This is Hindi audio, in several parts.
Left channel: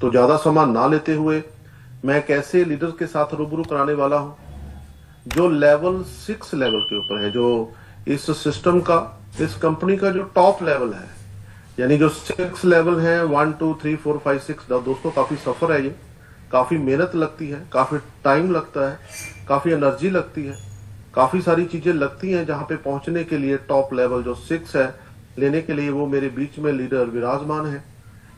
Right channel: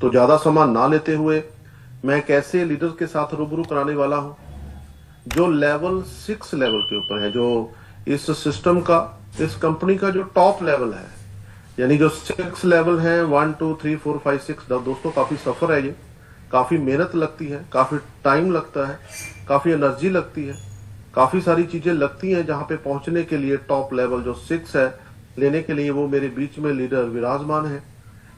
तो ज्यादा समय ना लेते हुए मैं एक ऐसे लीडर के साथ रूबरू कराने वाला हूं जो लेवल 6 लेवल के ऊपर है, जो इस सिस्टम का, इस कंपनी का जो टॉप लेवल है। यानी जो 6 लेवल है, 1 2 3 4 5 6, दोस्तों काफी सफर है ये, काफी मेहनत लगती है, काफी टाइम लगता है, काफी एनर्जी लगती है, काफी सारी चीजें लगती हैं जहां पे पहुंचने के लिए टॉप लेवल जो 6 है लेने के लिए वो मेरे बीच में लीडर विराजमान है।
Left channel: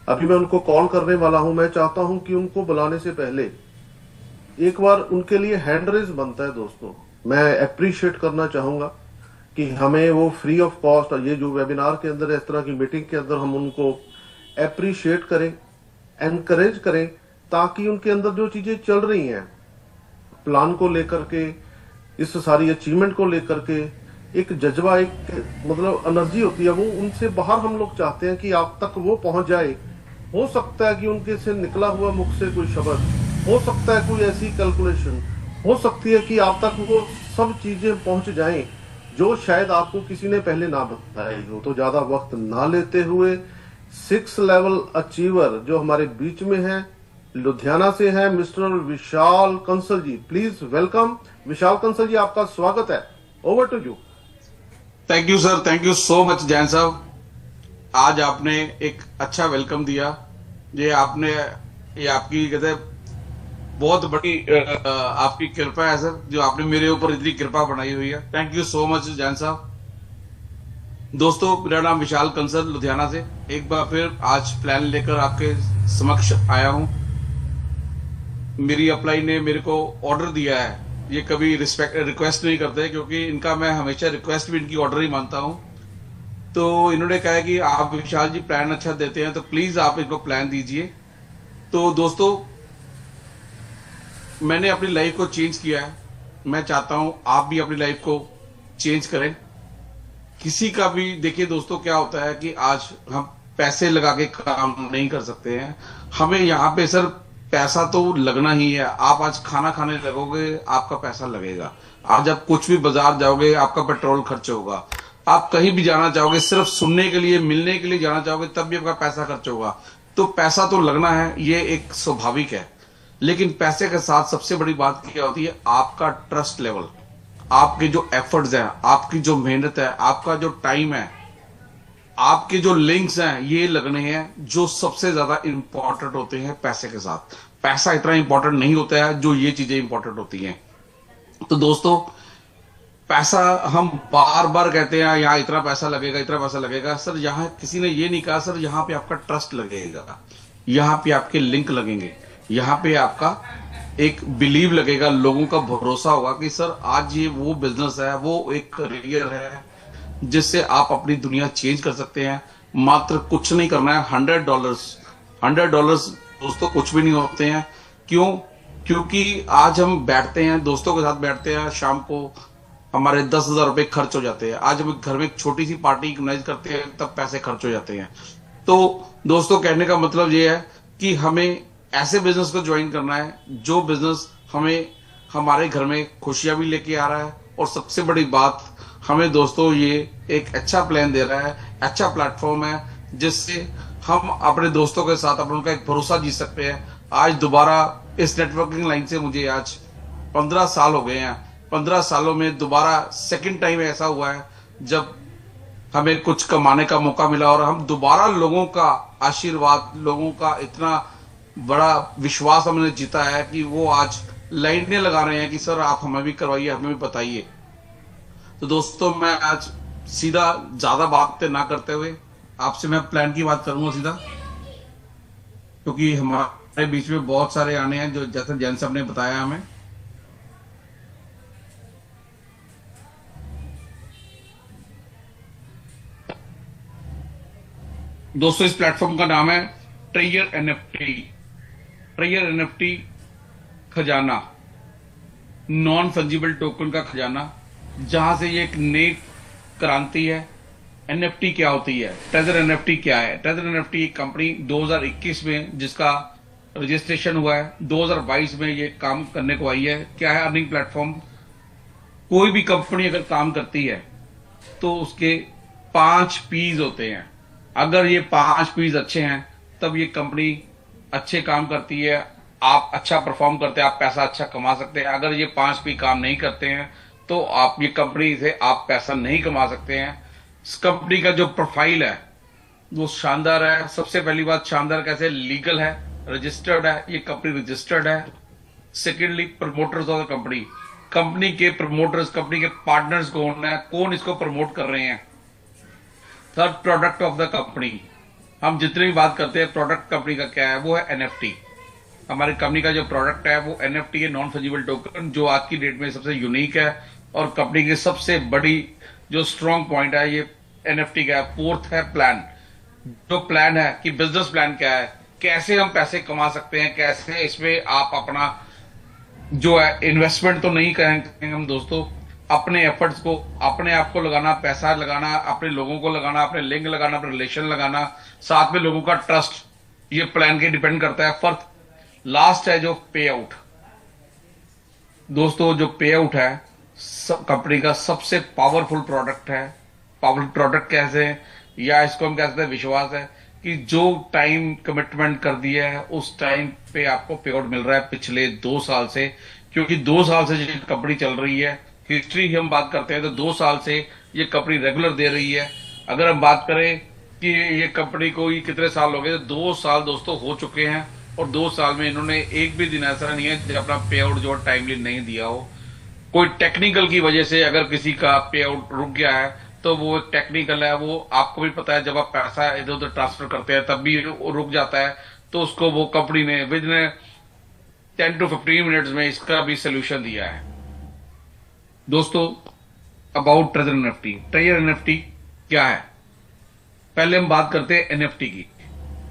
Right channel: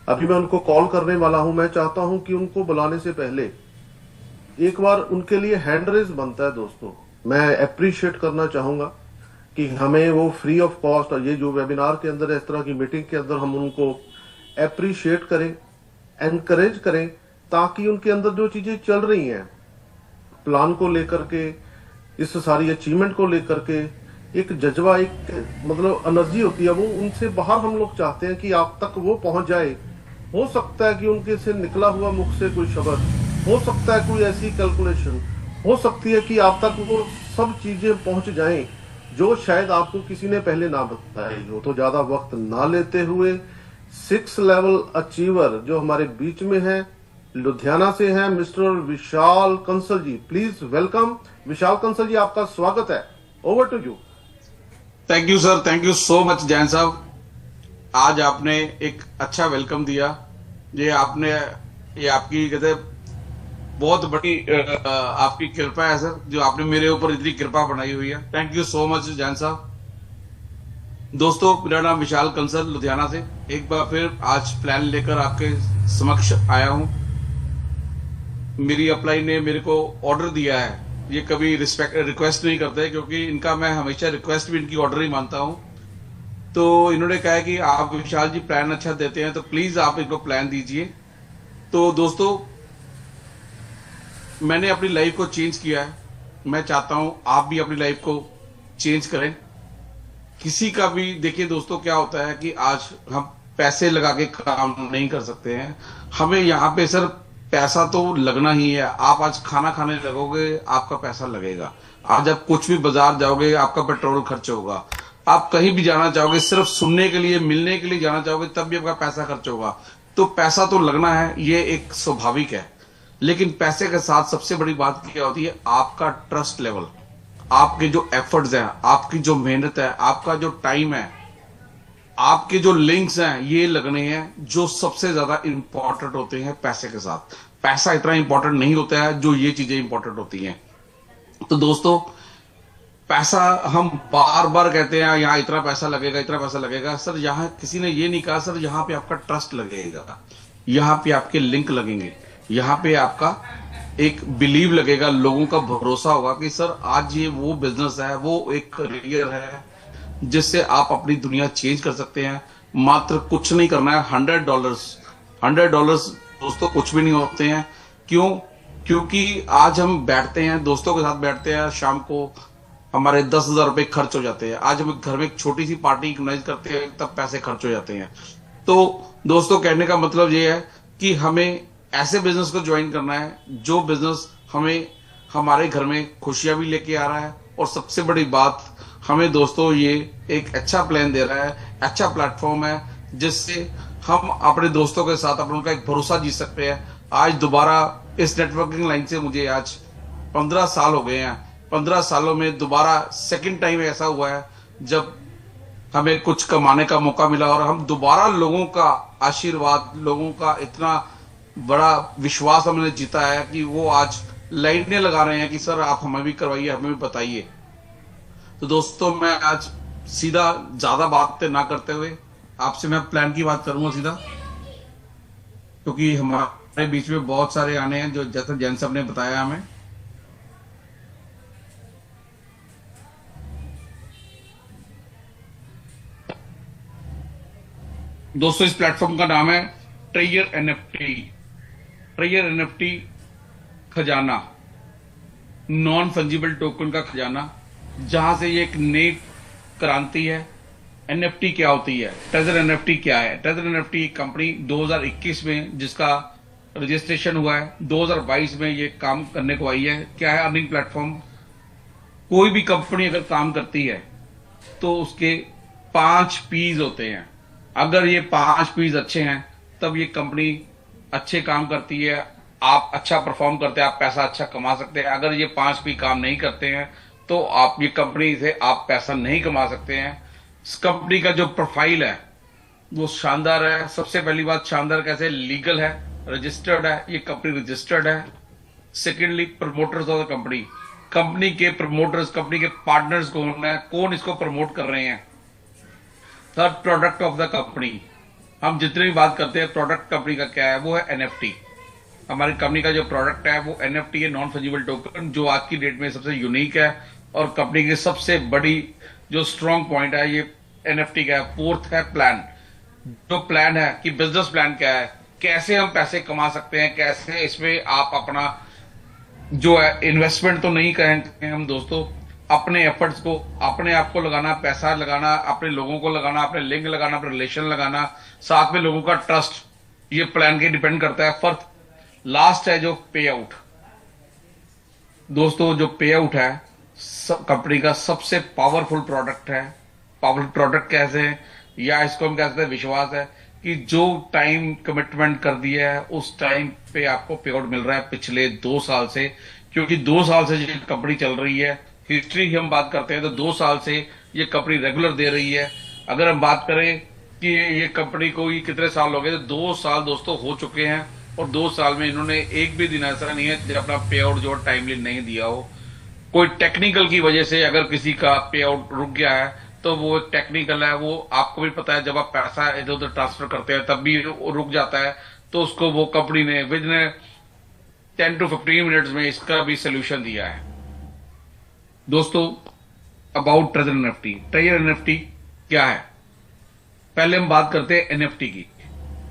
अभी मैं उनको कॉल करने वाला हूं। मैं चाहता हूं कि उनको बुलाने से पहले एक बार उनके लिए हैंड रेज बनता है दोस्तों। मैं अप्रिशिएट करना चाहूंगा कि हमें वो फ्री ऑफ कॉस्ट, और ये जो वेबिनार के अंदर, इस तरह की मीटिंग के अंदर हम उनको अप्रिशिएट करें, एनकरेज करें, ताकि उनके अंदर जो चीजें चल रही हैं प्लान को लेकर के, इस सारी अचीवमेंट को लेकर के, एक जज्बा, एक मतलब एनर्जी होती है, वो उनसे बाहर हम लोग चाहते हैं कि आप तक वो पहुंच जाए। हो सकता है कि उनके से निकला हुआ मुख से कोई शब्द, हो सकता है कोई ऐसी कैलकुलेशन, हो सकती है कि आप तक वो सब चीजें पहुंच जाएं जो शायद आपको किसी ने पहले ना बताई हो। तो ज्यादा वक्त ना लेते हुए 6 लेवल अचीवर जो हमारे बीच में है, लुधियाना से हैं, mister Vishal Kansal ji. Please welcome Vishal Kansal ji, आपका स्वागत है। Over to you. Thank you sir, thank you so much Jain साहब। आज आपने एक अच्छा वेलकम दिया। ये आपकी कहते हैं बहुत बड़ी आपकी कृपा है सर, जो आपने मेरे ऊपर इतनी कृपा बनाई हुई है। Thank you so much Jain साहब। दोस्तों, मेरा नाम विशाल कंसल लुधियाना से एक बार फिर आज प्लान लेकर आपके समक्ष आया हूं। मेरी अप्लाई ने मेरे को ऑर्डर दिया है। ये कभी रिक्वेस्ट नहीं करते, क्योंकि इनका मैं हमेशा रिक्वेस्ट भी इनकी ऑर्डर ही मानता हूं। तो इन्होंने कहा है कि आप विशाल जी प्लान अच्छा देते हैं, तो प्लीज आप इनको प्लान दीजिए। तो दोस्तों, मैंने अपनी लाइफ को चेंज किया है। मैं चाहता हूं आप भी अपनी लाइफ को चेंज करें। किसी का भी देखिए दोस्तों, क्या होता है कि आज हम पैसे लगा के काम नहीं कर सकते हैं। हमें यहाँ पे सर पैसा तो लगना ही है। आप आज खाना खाने लगोगे, आपका पैसा लगेगा। आज आप कुछ भी बाजार जाओगे, आपका पेट्रोल खर्च होगा। आप कहीं भी जाना चाहोगे, सिर्फ सुनने के लिए, मिलने के लिए जाना चाहोगे, तब भी आपका पैसा खर्च होगा। तो पैसा तो लगना है, ये एक स्वाभाविक है। लेकिन पैसे के साथ सबसे बड़ी बात क्या होती है? आपका ट्रस्ट लेवल, आपके जो एफर्ट्स हैं, आपकी जो मेहनत है, आपका जो टाइम है, आपके जो लिंक्स हैं, ये लगने हैं, जो सबसे ज्यादा इंपॉर्टेंट होते हैं पैसे के साथ। पैसा इतना इंपॉर्टेंट नहीं होता है जो ये चीजें इंपॉर्टेंट होती हैं। तो दोस्तों, पैसा हम बार बार कहते हैं यहाँ इतना पैसा लगेगा, इतना पैसा लगेगा। सर, यहाँ किसी ने ये नहीं कहा सर, यहाँ पे आपका ट्रस्ट लगेगा, यहाँ पे आपके लिंक लगेंगे, यहाँ पे आपका एक बिलीव लगेगा, लोगों का भरोसा होगा कि सर आज ये वो बिजनेस है, वो एक करियर है जिससे आप अपनी दुनिया चेंज कर सकते हैं। मात्र कुछ नहीं करना है, $100। $100 दोस्तों कुछ भी नहीं होते हैं। क्यों? क्योंकि आज हम बैठते हैं, दोस्तों के साथ बैठते हैं, शाम को हमारे 10,000 रुपए खर्च हो जाते हैं। आज हम घर में एक छोटी सी पार्टी ऑर्गेनाइज करते हैं, तब पैसे खर्च हो जाते हैं। तो दोस्तों, कहने का मतलब ये है कि हमें ऐसे बिजनेस को ज्वाइन करना है जो बिजनेस हमें हमारे घर में खुशियां भी लेके आ रहा है, और सबसे बड़ी बात, हमें दोस्तों ये एक अच्छा प्लान दे रहा है, अच्छा प्लेटफॉर्म है, जिससे हम अपने दोस्तों के साथ अपना उनका एक भरोसा जीत सकते हैं। आज दोबारा इस नेटवर्किंग लाइन से मुझे आज 15 साल हो गए हैं। 15 सालों में दोबारा सेकंड टाइम ऐसा हुआ है जब हमें कुछ कमाने का मौका मिला, और हम दोबारा लोगों का आशीर्वाद, लोगों का इतना बड़ा विश्वास हमने जीता है कि वो आज लाइनें लगा रहे हैं कि सर आप हमें भी करवाइए, हमें भी बताइए। तो दोस्तों, मैं आज सीधा ज्यादा बातें ना करते हुए आपसे मैं प्लान की बात करूंगा सीधा, क्योंकि हमारे बीच में बहुत सारे आने हैं, जो जैसे जैन साहब ने बताया हमें। दोस्तों, इस प्लेटफॉर्म का नाम है ट्रेयर एनएफटी। ट्रेयर एनएफटी खजाना, नॉन फंजिबल टोकन का खजाना, जहां से ये एक नई क्रांति है। एनएफटी क्या होती है? ट्रेजर एनएफटी क्या है? ट्रेजर एनएफटी एक कंपनी 2021 में जिसका रजिस्ट्रेशन हुआ है, 2022 में ये काम करने को आई है। क्या है? Earning platform. कोई भी कंपनी अगर काम करती है तो उसके 5 पीज होते हैं। अगर ये 5 पीज अच्छे हैं, तब ये कंपनी अच्छे काम करती है, आप अच्छा परफॉर्म करते हैं, आप पैसा अच्छा कमा सकते हैं। अगर ये 5 भी काम नहीं करते हैं तो आप ये कंपनी से आप पैसा नहीं कमा सकते हैं। इस कंपनी का जो प्रोफाइल है वो शानदार है। सबसे पहली बात, शानदार कैसे, लीगल है, रजिस्टर्ड है, ये कंपनी रजिस्टर्ड है। Secondly, promoters of the company, company के प्रमोटर्स, कंपनी के पार्टनर्स कौन है, कौन इसको प्रमोट कर रहे हैं। Third, product of the company, हम जितने भी बात करते हैं प्रोडक्ट कंपनी का क्या है, वो है एनएफटी। हमारी कंपनी का जो प्रोडक्ट है वो एनएफटी है, नॉन फंजिबल टोकन, जो आज की डेट में सबसे यूनिक है और कंपनी की सबसे बड़ी जो स्ट्रॉन्ग पॉइंट है ये एनएफटी का है। फोर्थ है प्लान, जो प्लान है कि बिजनेस प्लान क्या है, कैसे हम पैसे कमा सकते हैं, कैसे इसमें आप अपना जो है इन्वेस्टमेंट तो नहीं कहेंगे हम दोस्तों, अपने एफर्ट्स को, अपने आप को लगाना, पैसा लगाना, अपने लोगों को लगाना, अपने लिंक लगाना, अपने रिलेशन लगाना, साथ में लोगों का ट्रस्ट, ये प्लान के डिपेंड करता है। फर्स्ट, लास्ट है जो पे आउट। दोस्तों जो पे आउट है कंपनी का सबसे पावरफुल प्रोडक्ट है। पावरफुल प्रोडक्ट कैसे है, या इसको हम कह सकते हैं विश्वास है, कि जो टाइम कमिटमेंट कर दिया है उस टाइम पे आपको पे आउट मिल रहा है पिछले 2 साल से। क्योंकि 2 साल से ये कंपनी चल रही है, हिस्ट्री की हम बात करते हैं तो 2 साल से ये कंपनी रेगुलर दे रही है। अगर हम बात करें कि ये कंपनी को ये कितने साल हो गए, तो 2 साल दोस्तों हो चुके हैं और 2 साल में इन्होंने एक भी दिन ऐसा नहीं है जब अपना पे आउट जो टाइमली नहीं दिया हो। कोई टेक्निकल की वजह से अगर किसी का पे आउट रुक गया है तो वो एक टेक्निकल है, वो आपको भी पता है, जब आप पैसा इधर उधर ट्रांसफर करते हैं तब भी वो रुक जाता है। तो उसको वो कंपनी ने विद इन 10 to 15 मिनट्स में इसका भी सोल्यूशन दिया है। दोस्तों about treasure NFT, treasure NFT क्या है, पहले हम बात करते हैं एनएफटी की।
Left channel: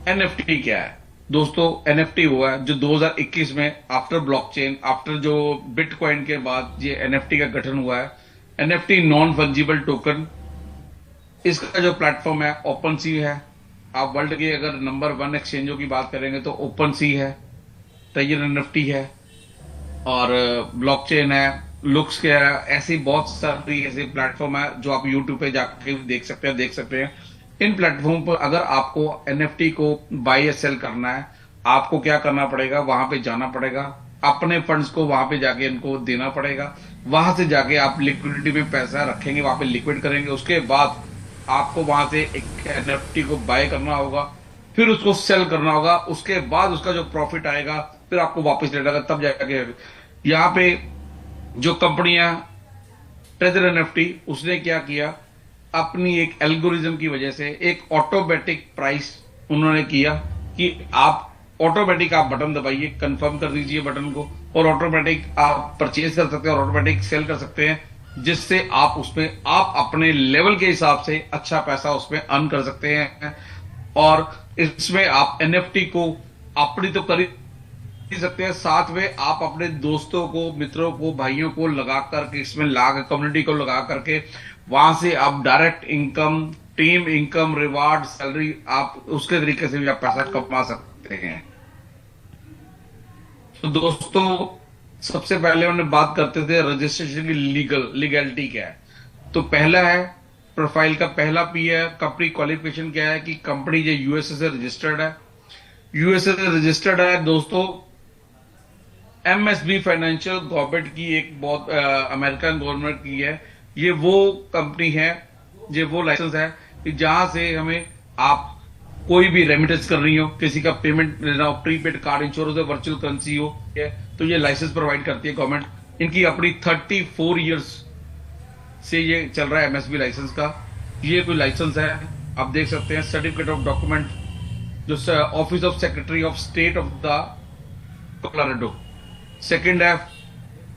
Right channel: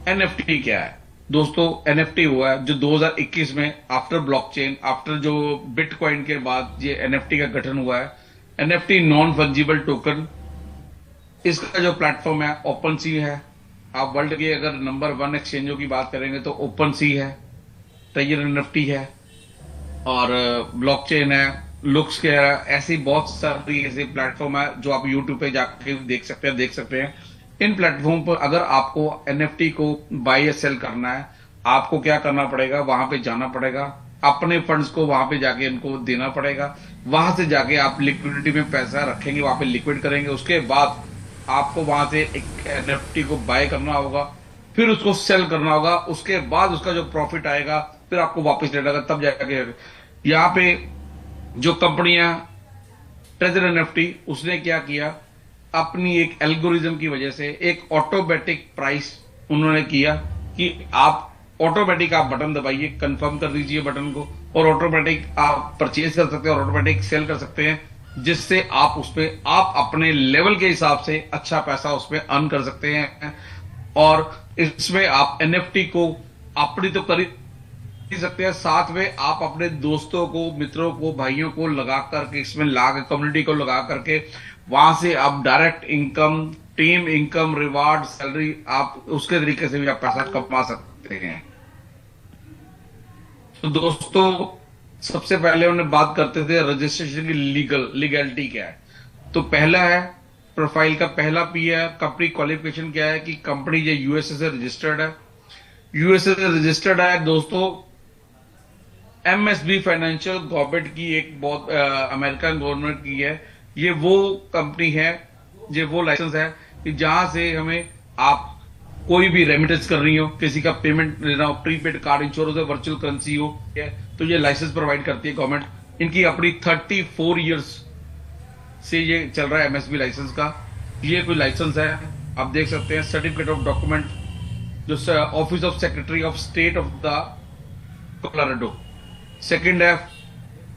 एनएफटी क्या है दोस्तों, एनएफटी हुआ है जो 2021 में आफ्टर ब्लॉकचेन, आफ्टर जो बिटकॉइन के बाद ये एनएफटी का गठन हुआ है। एनएफटी नॉन फंजिबल टोकन, इसका जो प्लेटफॉर्म है ओपन सी है। आप वर्ल्ड के अगर नंबर 1 एक्सचेंजों की बात करेंगे तो ओपन सी है, ट्रेजर एनएफटी है और ब्लॉकचेन है, लुक्स के है। ऐसी बहुत सारी ऐसे प्लेटफॉर्म है जो आप यूट्यूब पे जाके देख सकते हैं। इन प्लेटफॉर्म पर अगर आपको एनएफटी को बाय या सेल करना है, आपको क्या करना पड़ेगा, वहां पे जाना पड़ेगा, अपने फंड्स को वहां पे जाके इनको देना पड़ेगा। वहां से जाके आप लिक्विडिटी में पैसा रखेंगे, वहां पे लिक्विड करेंगे, उसके बाद आपको वहां से एक एनएफटी को बाय करना होगा, फिर उसको सेल करना होगा, उसके बाद उसका जो प्रॉफिट आएगा फिर आपको वापस लेना, तब जाके यहाँ पे जो कंपनियां ट्रेजर एनएफटी, उसने क्या किया, अपनी एक एल्गोरिज्म की वजह से एक ऑटोमेटिक प्राइस उन्होंने किया कि आप ऑटोमेटिक आप बटन दबाइए, कंफर्म कर दीजिए बटन को, और ऑटोमेटिक आप परचेज कर सकते हैं और ऑटोमेटिक सेल कर सकते हैं, जिससे आप उसमें आप अपने लेवल के हिसाब से अच्छा पैसा उसमें अर्न कर सकते हैं। और इसमें आप एनएफटी को अपनी तो कर ही सकते हैं, साथ में आप अपने दोस्तों को, मित्रों को, भाइयों को लगा करके, इसमें कम्युनिटी को लगा करके वहां से आप direct income, team income, reward, salary, आप उसके तरीके से भी आप पैसा कमा सकते हैं। तो दोस्तों सबसे पहले उन्हें बात करते थे रजिस्ट्रेशन की लीगैलिटी क्या है। तो पहला है प्रोफाइल का, पहला पी है कंपनी क्वालिफिकेशन क्या है, कि कंपनी जो यूएसए से रजिस्टर्ड है। यूएसए से रजिस्टर्ड है दोस्तों, एमएसबी फाइनेंशियल गवर्नमेंट की एक बहुत अमेरिकन गवर्नमेंट की है, ये वो कंपनी है, ये वो लाइसेंस है कि जहां से हमें आप कोई भी रेमिटेंस करनी हो, किसी का पेमेंट लेना हो, प्रीपेड कार्ड, इंश्योरेंस हो, वर्चुअल करेंसी हो, तो ये लाइसेंस प्रोवाइड करती है गवर्नमेंट। इनकी अपनी 34 ईयर्स से ये चल रहा है एमएसबी लाइसेंस का। ये कोई लाइसेंस है, आप देख सकते हैं, सर्टिफिकेट ऑफ डॉक्यूमेंट, जो office of secretary of state of the Colorado. Second है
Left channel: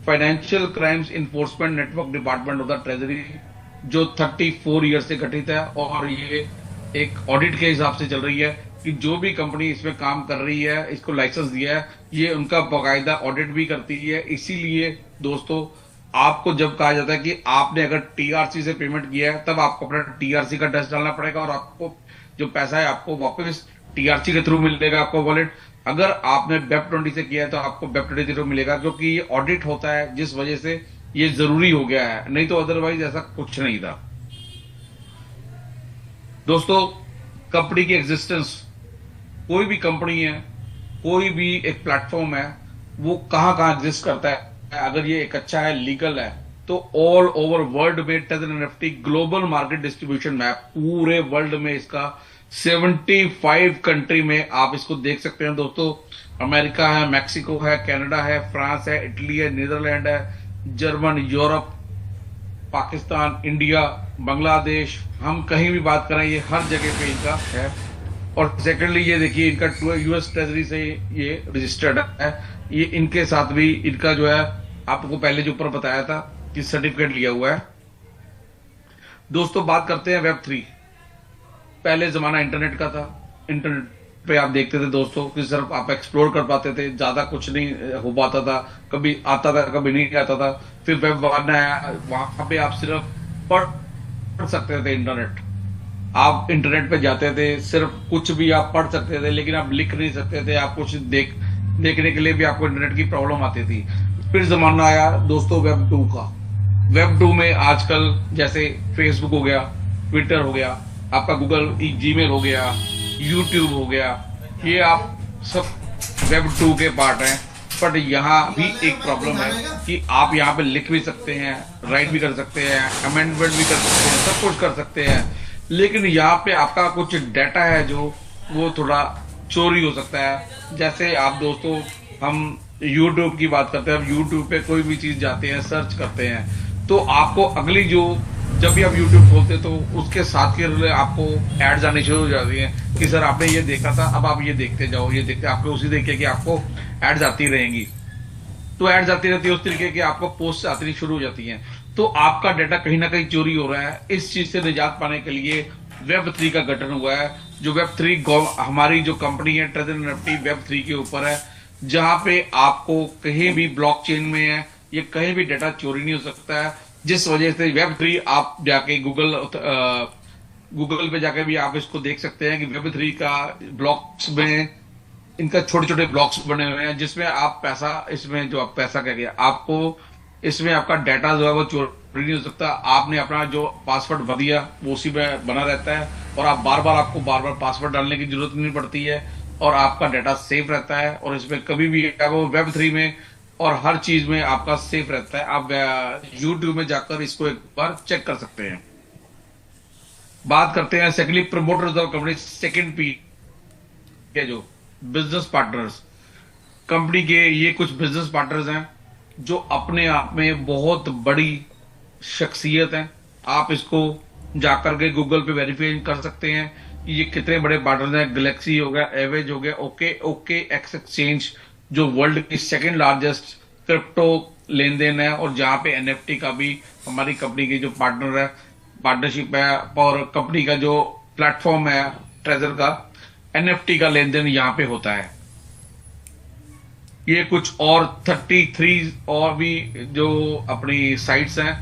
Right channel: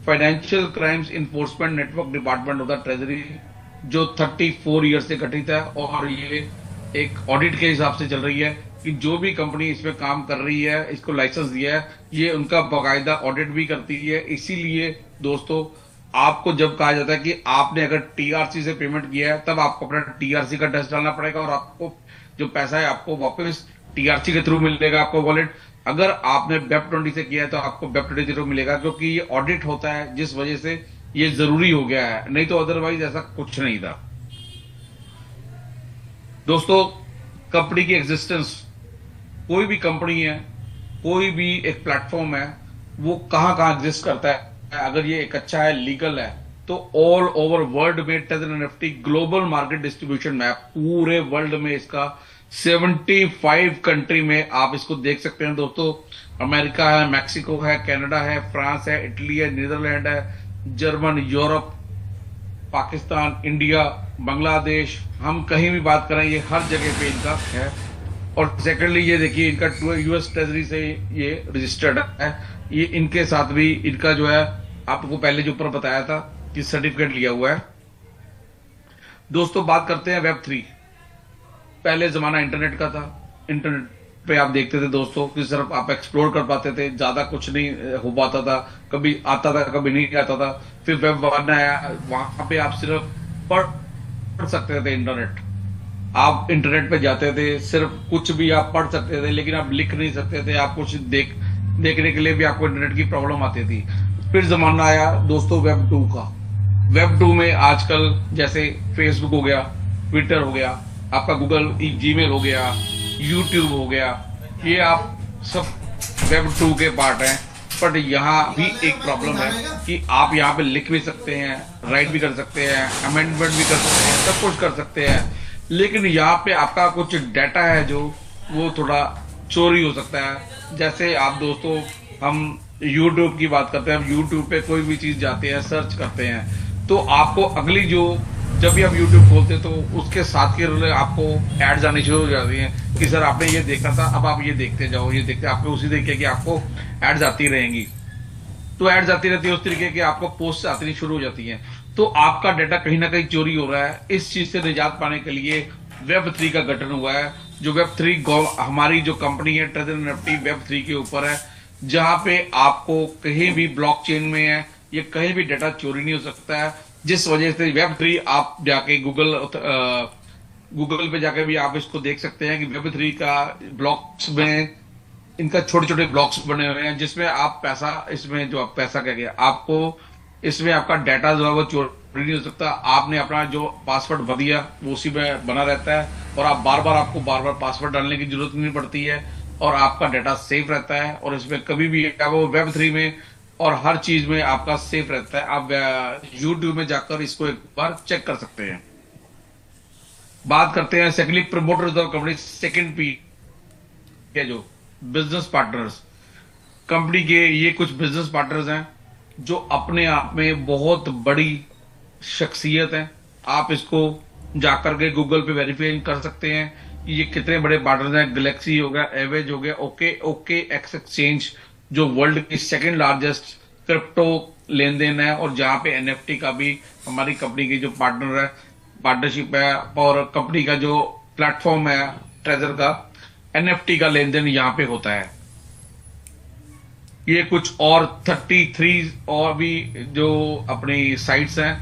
financial crimes enforcement network department of the treasury, जो 34 ईयर से गठित है और ये एक ऑडिट के हिसाब से चल रही है कि जो भी कंपनी इसमें काम कर रही है, इसको लाइसेंस दिया है, ये उनका बाकायदा ऑडिट भी करती है। इसीलिए दोस्तों आपको जब कहा जाता है कि आपने अगर टीआरसी से पेमेंट किया है, तब आपको अपना टीआरसी का टेस्ट डालना पड़ेगा और आपको जो पैसा है आपको वापस टीआरसी के थ्रू मिलेगा आपको वॉलेट। अगर आपने वेब20 से किया है तो आपको वेब20 के थ्रू मिलेगा, क्योंकि ये ऑडिट होता है, जिस वजह से ये जरूरी हो गया है, नहीं तो अदरवाइज ऐसा कुछ नहीं था। दोस्तों कंपनी की एग्जिस्टेंस, कोई भी कंपनी है कोई भी एक प्लेटफॉर्म है वो कहाँ कहाँ एग्जिस्ट करता है, अगर ये एक अच्छा है, लीगल है, तो ऑल ओवर वर्ल्ड में taser NFT global market distribution map, पूरे वर्ल्ड में इसका 75 कंट्री में आप इसको देख सकते हैं दोस्तों। अमेरिका है, मैक्सिको है, कनाडा है, फ्रांस है, इटली है, नीदरलैंड है, German, Europe, Pakistan, India, Bangladesh, हम कहीं भी बात करें ये हर जगह पे इनका है। और सेकेंडली ये देखिए इनका यूएस ट्रेजरी से ये रजिस्टर्ड है, ये इनके साथ भी इनका जो है आपको पहले जो ऊपर बताया था कि सर्टिफिकेट लिया हुआ है। दोस्तों बात करते हैं वेब 3। पहले जमाना इंटरनेट का था, इंटरनेट पे आप देखते थे दोस्तों कि सिर्फ आप एक्सप्लोर कर पाते थे, ज्यादा कुछ नहीं हो पाता था, कभी आता था कभी नहीं आता था। फिर वेब 1 आया, वहां पे आप सिर्फ पढ़ सकते थे इंटरनेट, आप इंटरनेट पे जाते थे, सिर्फ कुछ भी आप पढ़ सकते थे लेकिन आप लिख नहीं सकते थे, आप कुछ देखने के लिए भी आपको इंटरनेट की प्रॉब्लम आती थी। फिर जमाना आया दोस्तों वेब 2 का। वेब 2 में आजकल जैसे फेसबुक हो गया, ट्विटर हो गया, आपका गूगल जीमेल हो गया, यूट्यूब हो गया, ये आप सब वेब 2 के पार्ट हैं। बट यहाँ भी एक प्रॉब्लम है कि आप यहाँ पे लिख भी सकते हैं, राइट भी कर सकते हैं, अमेंडमेंट भी कर सकते हैं, सब कुछ कर सकते हैं, लेकिन यहाँ पे आपका कुछ डाटा है जो वो थोड़ा चोरी हो सकता है। जैसे आप दोस्तों, हम यूट्यूब की बात करते हैं, अब यूट्यूब पे कोई भी चीज जाते हैं, सर्च करते हैं, तो आपको अगली जो, जब भी आप यूट्यूब खोलते हैं तो उसके साथ के रिले आपको एड्स आनी शुरू हो जाती हैं कि सर आपने ये देखा था, अब आप ये देखते जाओ, ये देखते, आपको उसी तरीके की आपको एड्स आती रहेंगी। तो एड्स आती रहती है, उस तरीके की आपको पोस्ट आती शुरू हो जाती हैं, तो आपका डाटा कहीं ना कहीं चोरी हो रहा है। इस चीज से निजात पाने के लिए वेब 3 का गठन हुआ है। जो वेब 3 हमारी जो कंपनी है ट्रेजर एनएफटी वेब 3 के ऊपर है, जहां पे आपको कहीं भी ब्लॉकचेन में है, ये कहीं भी डाटा चोरी नहीं हो सकता है। जिस वजह से वेब 3 आप जाके गूगल पे जाके भी आप इसको देख सकते हैं कि वेब 3 का ब्लॉक्स में इनका छोटे छोटे ब्लॉक्स बने हुए हैं, जिसमें आप पैसा, इसमें जो आप पैसा क्या गया आपको, इसमें आपका डाटा जो है वो चोरी नहीं हो सकता। आपने अपना जो पासवर्ड भर दिया वो उसी में बना रहता है, और आप आपको बार बार पासवर्ड डालने की जरूरत नहीं पड़ती है, और आपका डाटा सेफ रहता है, और इसमें कभी भी वो वेब 3 में और हर चीज में आपका सेफ रहता है। आप यूट्यूब में जाकर इसको एक बार चेक कर सकते हैं। बात करते हैं secondly promoters of company, second P है जो बिजनेस पार्टनर्स। कंपनी के ये कुछ बिजनेस पार्टनर्स हैं जो अपने आप में बहुत बड़ी शख्सियत हैं। आप इसको जाकर के गूगल पे वेरीफाई कर सकते हैं कि ये कितने बड़े पार्टनर्स हैं। गैलेक्सी हो गया, एवेज हो गया, ओके एक्स एक्सचेंज जो वर्ल्ड की सेकंड लार्जेस्ट क्रिप्टो लेन देन है, और जहां पे एनएफटी का भी हमारी कंपनी की जो पार्टनर है, पार्टनरशिप है, और कंपनी का जो प्लेटफॉर्म है ट्रेजर का, एनएफटी का लेन देन यहाँ पे होता है। ये कुछ और 33 और भी जो अपनी साइट्स हैं,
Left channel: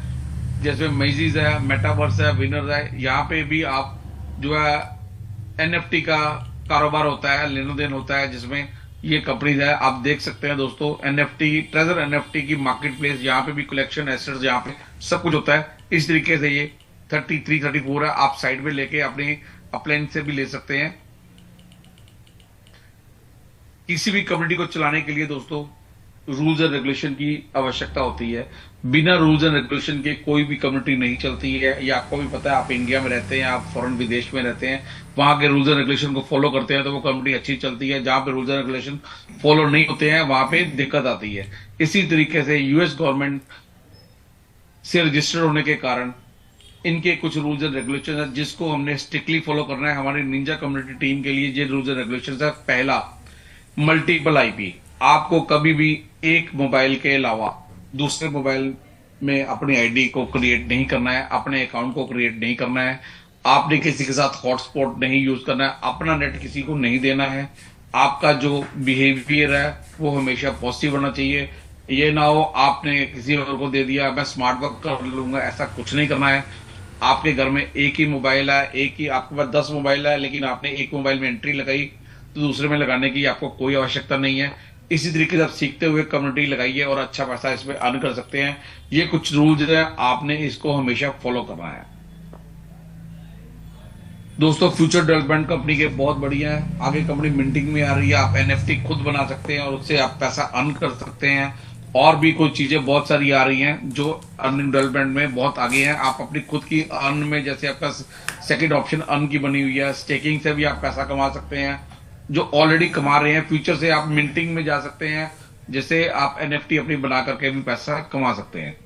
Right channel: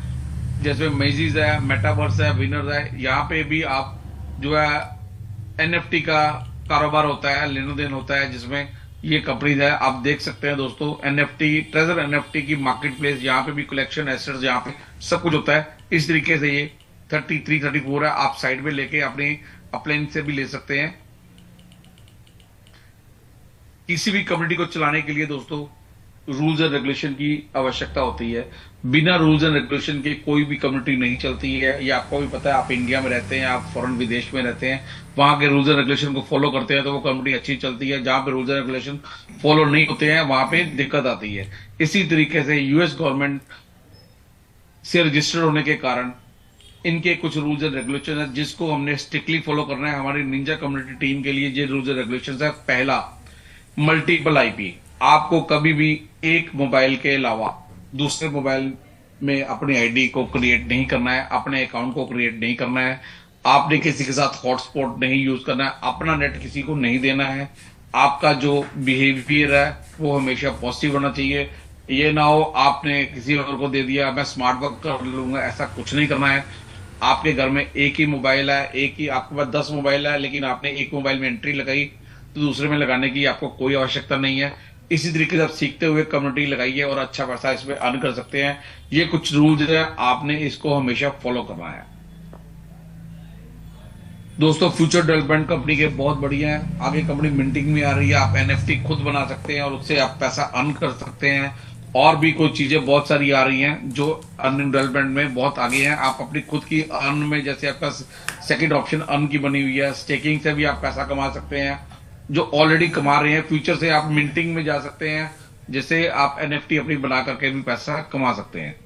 जैसे मेजीज है, मेटावर्स है, विनर है, यहाँ पे भी आप जो है एनएफटी का कारोबार होता है, लेन देन होता है, जिसमें ये कंपनी है। आप देख सकते हैं दोस्तों, एनएफटी ट्रेजर एनएफटी की मार्केट प्लेस, यहाँ पे भी कलेक्शन एसेट्स, यहाँ पे सब कुछ होता है। इस तरीके से ये 33-34 है, आप साइड में लेके अपने अपलाइन से भी ले सकते हैं। किसी भी कम्युनिटी को चलाने के लिए दोस्तों रूल्स एंड रेगुलेशन की आवश्यकता होती है। बिना रूल्स एंड रेगुलेशन के कोई भी कम्युनिटी नहीं चलती है। ये आपको भी पता है, आप इंडिया में रहते हैं, आप फॉरेन विदेश में रहते हैं, वहां के रूल्स एंड रेगुलेशन को फॉलो करते हैं तो वो कम्युनिटी अच्छी चलती है। जहां पे रूल्स एंड रेगुलेशन फॉलो नहीं होते हैं वहां पे दिक्कत आती है। इसी तरीके से यूएस गवर्नमेंट से रजिस्टर्ड होने के कारण इनके कुछ रूल्स एंड रेगुलेशन है जिसको हमने स्ट्रिक्टली फॉलो करना है। हमारी निंजा कम्युनिटी टीम के लिए ये रूल्स एंड रेगुलेशन है। पहला, मल्टीपल आईपी। आपको कभी भी एक मोबाइल के अलावा दूसरे मोबाइल में अपनी आईडी को क्रिएट नहीं करना है, अपने अकाउंट को क्रिएट नहीं करना है, आपने किसी के साथ हॉटस्पॉट नहीं यूज करना है, अपना नेट किसी को नहीं देना है। आपका जो बिहेवियर है वो हमेशा पॉजिटिव होना चाहिए। ये ना हो आपने किसी और को दे दिया, मैं स्मार्ट वर्क कर लूंगा, ऐसा कुछ नहीं करना है। आपके घर में एक ही मोबाइल है, एक ही, आपके पास 10 मोबाइल है लेकिन आपने एक मोबाइल में एंट्री लगाई तो दूसरे में लगाने की आपको कोई आवश्यकता नहीं है। इसी तरीके से आप सीखते हुए कम्युनिटी लगाइए और अच्छा पैसा इसमें अर्न कर सकते हैं। ये कुछ रूल्स है, आपने इसको हमेशा फॉलो करना है। दोस्तों फ्यूचर डेवलपमेंट कंपनी के बहुत बढ़िया है। आगे कंपनी मिंटिंग में आ रही है, आप एनएफटी खुद बना सकते हैं और उससे आप पैसा अर्न कर सकते हैं। और भी कोई चीजें बहुत सारी आ रही हैं जो अर्निंग डेवलपमेंट में बहुत आगे हैं। आप अपनी खुद की अर्न में, जैसे आपका सेकंड ऑप्शन अर्न की बनी हुई है, स्टेकिंग से भी आप पैसा कमा सकते हैं। जो ऑलरेडी कमा रहे हैं, फ्यूचर से आप मिंटिंग में जा सकते हैं, जिससे आप एनएफटी अपनी बना करके भी पैसा कमा सकते हैं।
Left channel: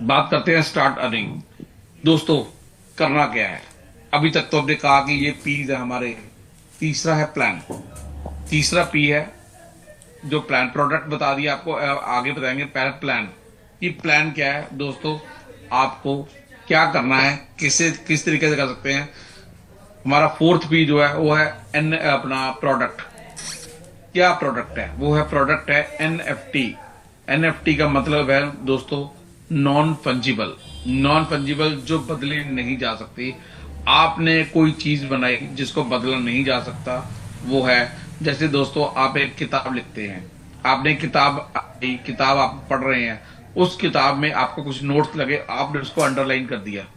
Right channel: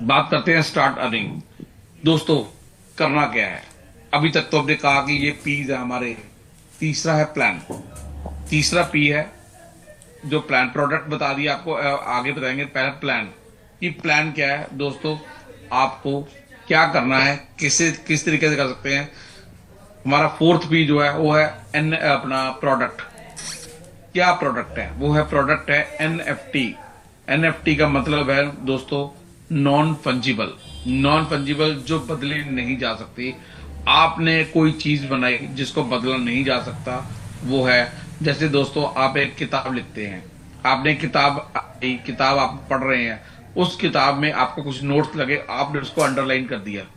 बात करते हैं स्टार्ट अर्निंग। दोस्तों करना क्या है? अभी तक तो हमने कहा कि ये पीज है हमारे। तीसरा है प्लान। तीसरा पी है जो प्लान, प्रोडक्ट बता दिया आपको, आगे बताएंगे। पहले प्लान, कि प्लान क्या है दोस्तों, आपको क्या करना है, किस तरीके से कर सकते हैं। हमारा फोर्थ पी जो है वो है अपना प्रोडक्ट। क्या प्रोडक्ट है? वो है प्रोडक्ट है एनएफटी। एनएफटी का मतलब है दोस्तों नॉन फंजिबल। नॉन फंजिबल जो बदली नहीं जा सकती। आपने कोई चीज बनाई जिसको बदला नहीं जा सकता, वो है, जैसे दोस्तों आप एक किताब लिखते हैं, आपने किताब आप पढ़ रहे हैं, उस किताब में आपको कुछ नोट्स लगे, आपने उसको अंडरलाइन कर दिया।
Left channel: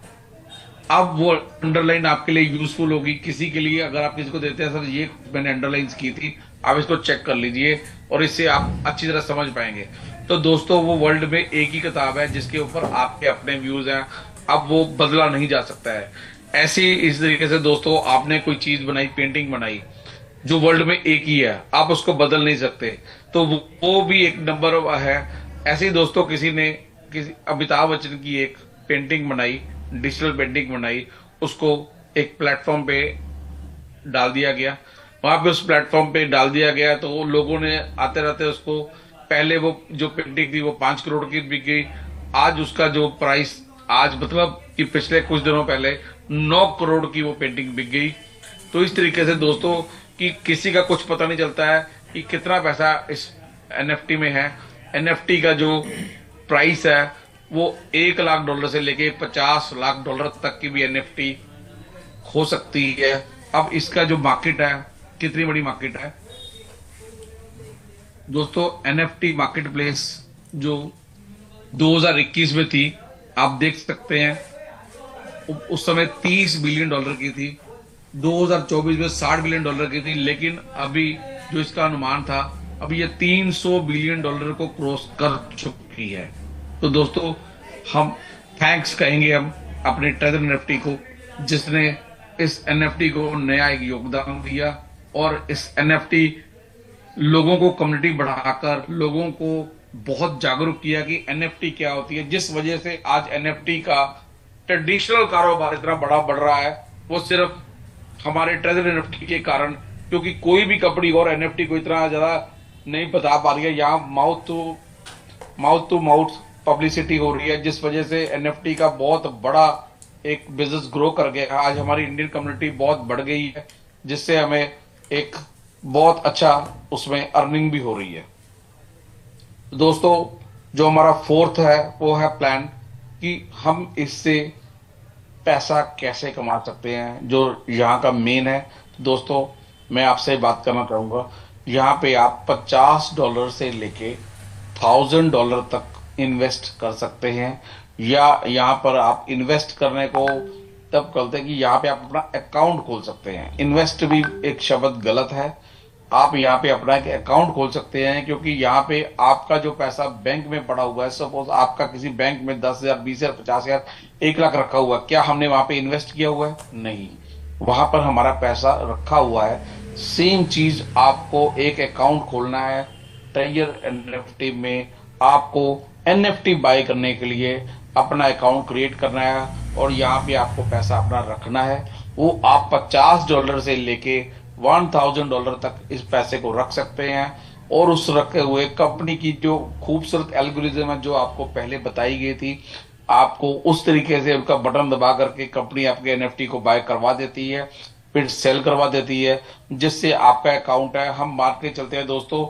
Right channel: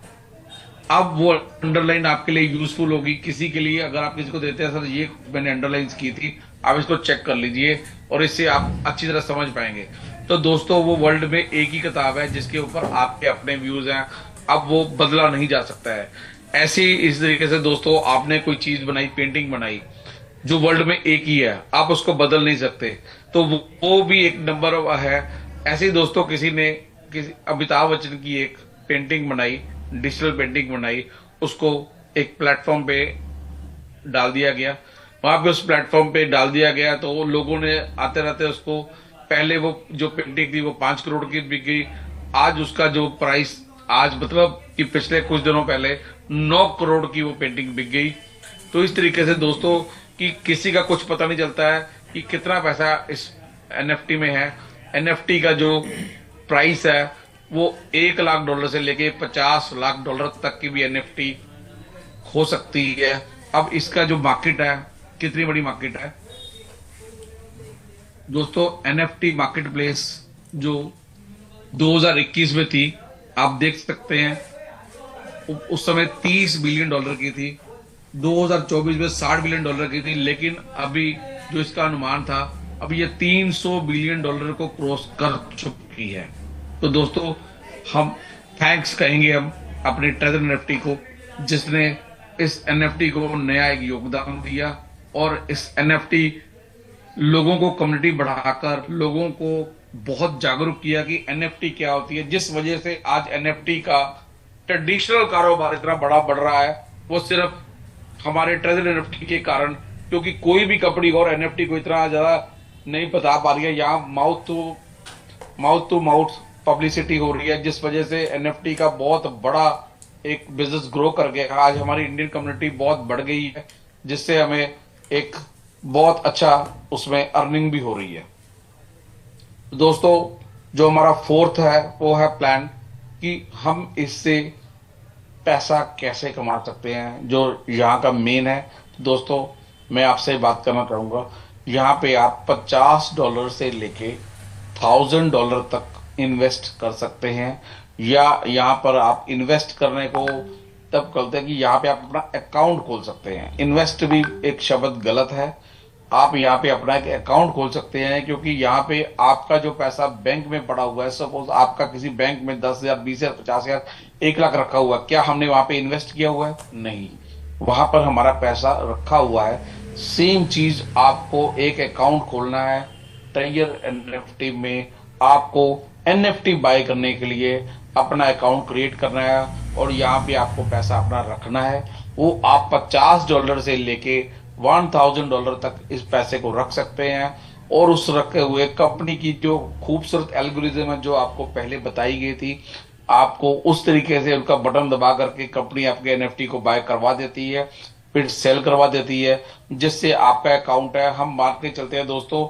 अब वो अंडरलाइन आपके लिए यूजफुल होगी। किसी के लिए अगर आप किसी को देते हैं, सर ये मैंने अंडरलाइन की थी, आप इसको चेक कर लीजिए, और इससे आप अच्छी तरह समझ पाएंगे। तो दोस्तों वो वर्ल्ड में एक ही किताब है जिसके ऊपर आपके अपने व्यूज हैं। अब वो बदला नहीं जा सकता है। ऐसे ही इस तरीके से दोस्तों आपने कोई चीज बनाई, पेंटिंग बनाई, जो वर्ल्ड में एक ही है, आप उसको बदल नहीं सकते। तो वो भी एक नंबर है। ऐसे ही दोस्तों किसी अमिताभ बच्चन की एक पेंटिंग बनाई, डिजिटल पेंटिंग बनाई, उसको एक प्लेटफॉर्म पे डाल दिया गया। वहां पे उस प्लेटफॉर्म पे डाल दिया गया तो लोगों ने आते रहते उसको, पहले वो जो पेंटिंग थी वो 5 करोड़ की बिक गई। आज उसका जो प्राइस, आज मतलब कि पिछले कुछ दिनों पहले 9 करोड़ की वो पेंटिंग बिक गई। तो इस तरीके से दोस्तों कि किसी का कुछ पता नहीं चलता है कि कितना पैसा इस एनएफटी में है। एनएफटी का जो प्राइस है वो $1 लाख से लेके $50 लाख तक की भी एनएफटी हो सकती है। अब इसका जो मार्केट है, कितनी बड़ी मार्केट है दोस्तों। एनएफटी मार्केट प्लेस जो 2021 में थी, आप देख सकते हैं उस समय $30 बिलियन की थी। 2024 में $60 बिलियन की थी। लेकिन अभी जो इसका अनुमान था, अभी ये $300 बिलियन को क्रॉस कर चुकी है। तो दोस्तों हम थैंक्स कहेंगे हम अपने ट्रेजर एनएफटी को, जिसने इस एनएफटी को नया एक योगदान दिया, और इस एनएफटी लोगों को, कम्युनिटी बढ़ाकर लोगों को बहुत जागरूक किया कि एनएफटी क्या होती है। जिस वजह से आज एनएफटी का ट्रेडिशनल कारोबार इतना बड़ा बढ़ रहा है, वो सिर्फ हमारे ट्रेजर एनएफटी के कारण। क्योंकि कोई भी कंपनी और एनएफटी को इतना ज्यादा नहीं बता पा रही है। यहाँ माउथ टू माउथ पब्लिसिटी हो रही है, जिस वजह से एनएफटी का बहुत बड़ा एक बिजनेस ग्रो कर गया। आज हमारी इंडियन कम्युनिटी बहुत बढ़ गई है, जिससे हमें एक बहुत अच्छा उसमें अर्निंग भी हो रही है। दोस्तों जो हमारा फोर्थ है वो है प्लान, कि हम इससे पैसा कैसे कमा सकते हैं, जो यहाँ का मेन है। तो दोस्तों मैं आपसे बात करना चाहूंगा, यहाँ पे आप $50 से लेके $1000 तक इन्वेस्ट कर सकते हैं। या यहाँ पर आप इन्वेस्ट करने को तब करते हैं कि यहाँ पे आप अपना अकाउंट खोल सकते हैं। इन्वेस्ट भी एक शब्द गलत है। आप यहाँ पे अपना एक अकाउंट खोल सकते हैं, क्योंकि यहाँ पे आपका जो पैसा बैंक में पड़ा हुआ है, सपोज आपका किसी बैंक में 10,000, 20,000, 50,000, 1 लाख रखा हुआ है, क्या हमने वहां पे इन्वेस्ट किया हुआ है? नहीं, वहां पर हमारा पैसा रखा हुआ है। सेम चीज आपको एक अकाउंट खोलना है ट्रेजर एनएफटी में। आपको एनएफटी बाय करने के लिए अपना अकाउंट क्रिएट करना है, और यहाँ पे आपको पैसा अपना रखना है। वो आप $50 से लेके $1,000 तक इस पैसे को रख सकते हैं। और उस रखे हुए कंपनी की जो खूबसूरत एल्गोरिज्म है, जो आपको पहले बताई गई थी, आपको उस तरीके से उनका बटन दबा करके कंपनी आपके एनएफटी को बाय करवा देती है, फिर सेल करवा देती है, जिससे आपका अकाउंट है, हम मान के चलते हैं दोस्तों,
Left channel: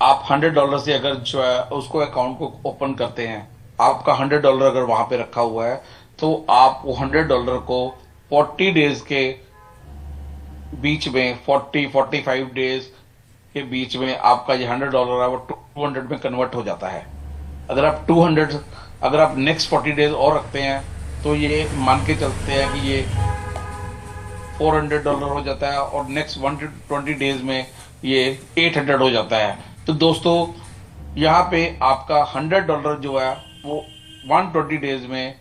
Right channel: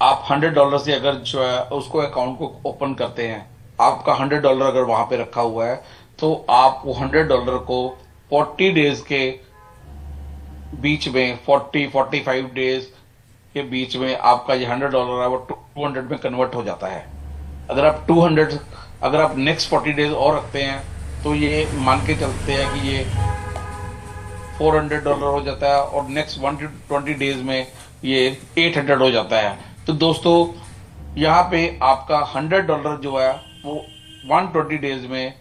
आप $100 से अगर जो है उसको अकाउंट को ओपन करते हैं, आपका $100 अगर वहां पे रखा हुआ है, तो आप वो $100 को 40 डेज के बीच में, 45 डेज के बीच में आपका ये $100 है वो 200 में कन्वर्ट हो जाता है। अगर आप 200 अगर आप नेक्स्ट 40 डेज और रखते हैं, तो ये मान के चलते हैं कि ये $400 हो जाता है और नेक्स्ट 120 डेज में ये 800 हो जाता है। तो दोस्तों यहाँ पे आपका $100 जो है वो 120 डेज में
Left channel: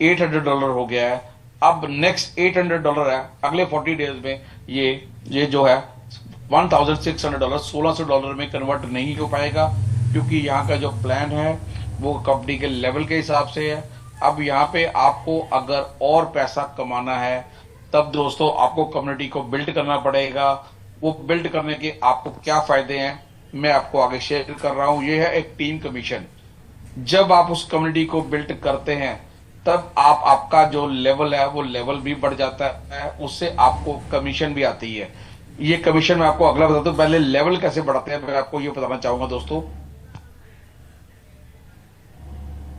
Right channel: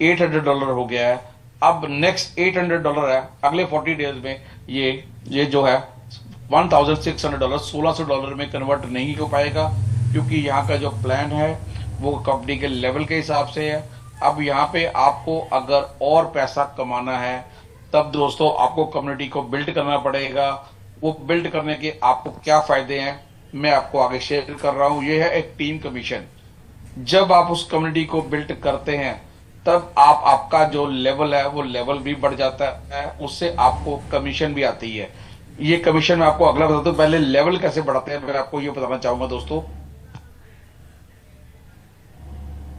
$800 हो गया है। अब नेक्स्ट $800 है अगले 40 डेज में। ये जो है $1,600 $1,600 में कन्वर्ट नहीं हो पाएगा, क्योंकि यहाँ का जो प्लान है वो कंपनी के लेवल के हिसाब से है। अब यहाँ पे आपको अगर और पैसा कमाना है तब दोस्तों आपको कम्युनिटी को बिल्ड करना पड़ेगा। वो बिल्ड करने के आपको क्या फायदे हैं मैं आपको आगे शेयर कर रहा हूँ। ये है एक टीम कमीशन। जब आप उस कम्युनिटी को बिल्ड करते हैं तब आपका जो लेवल है वो लेवल भी बढ़ जाता है, उससे आपको कमीशन भी आती है। ये कमीशन मैं आपको अगला बताता हूँ, पहले लेवल कैसे बढ़ाते हैं मैं आपको ये बताना चाहूंगा दोस्तों।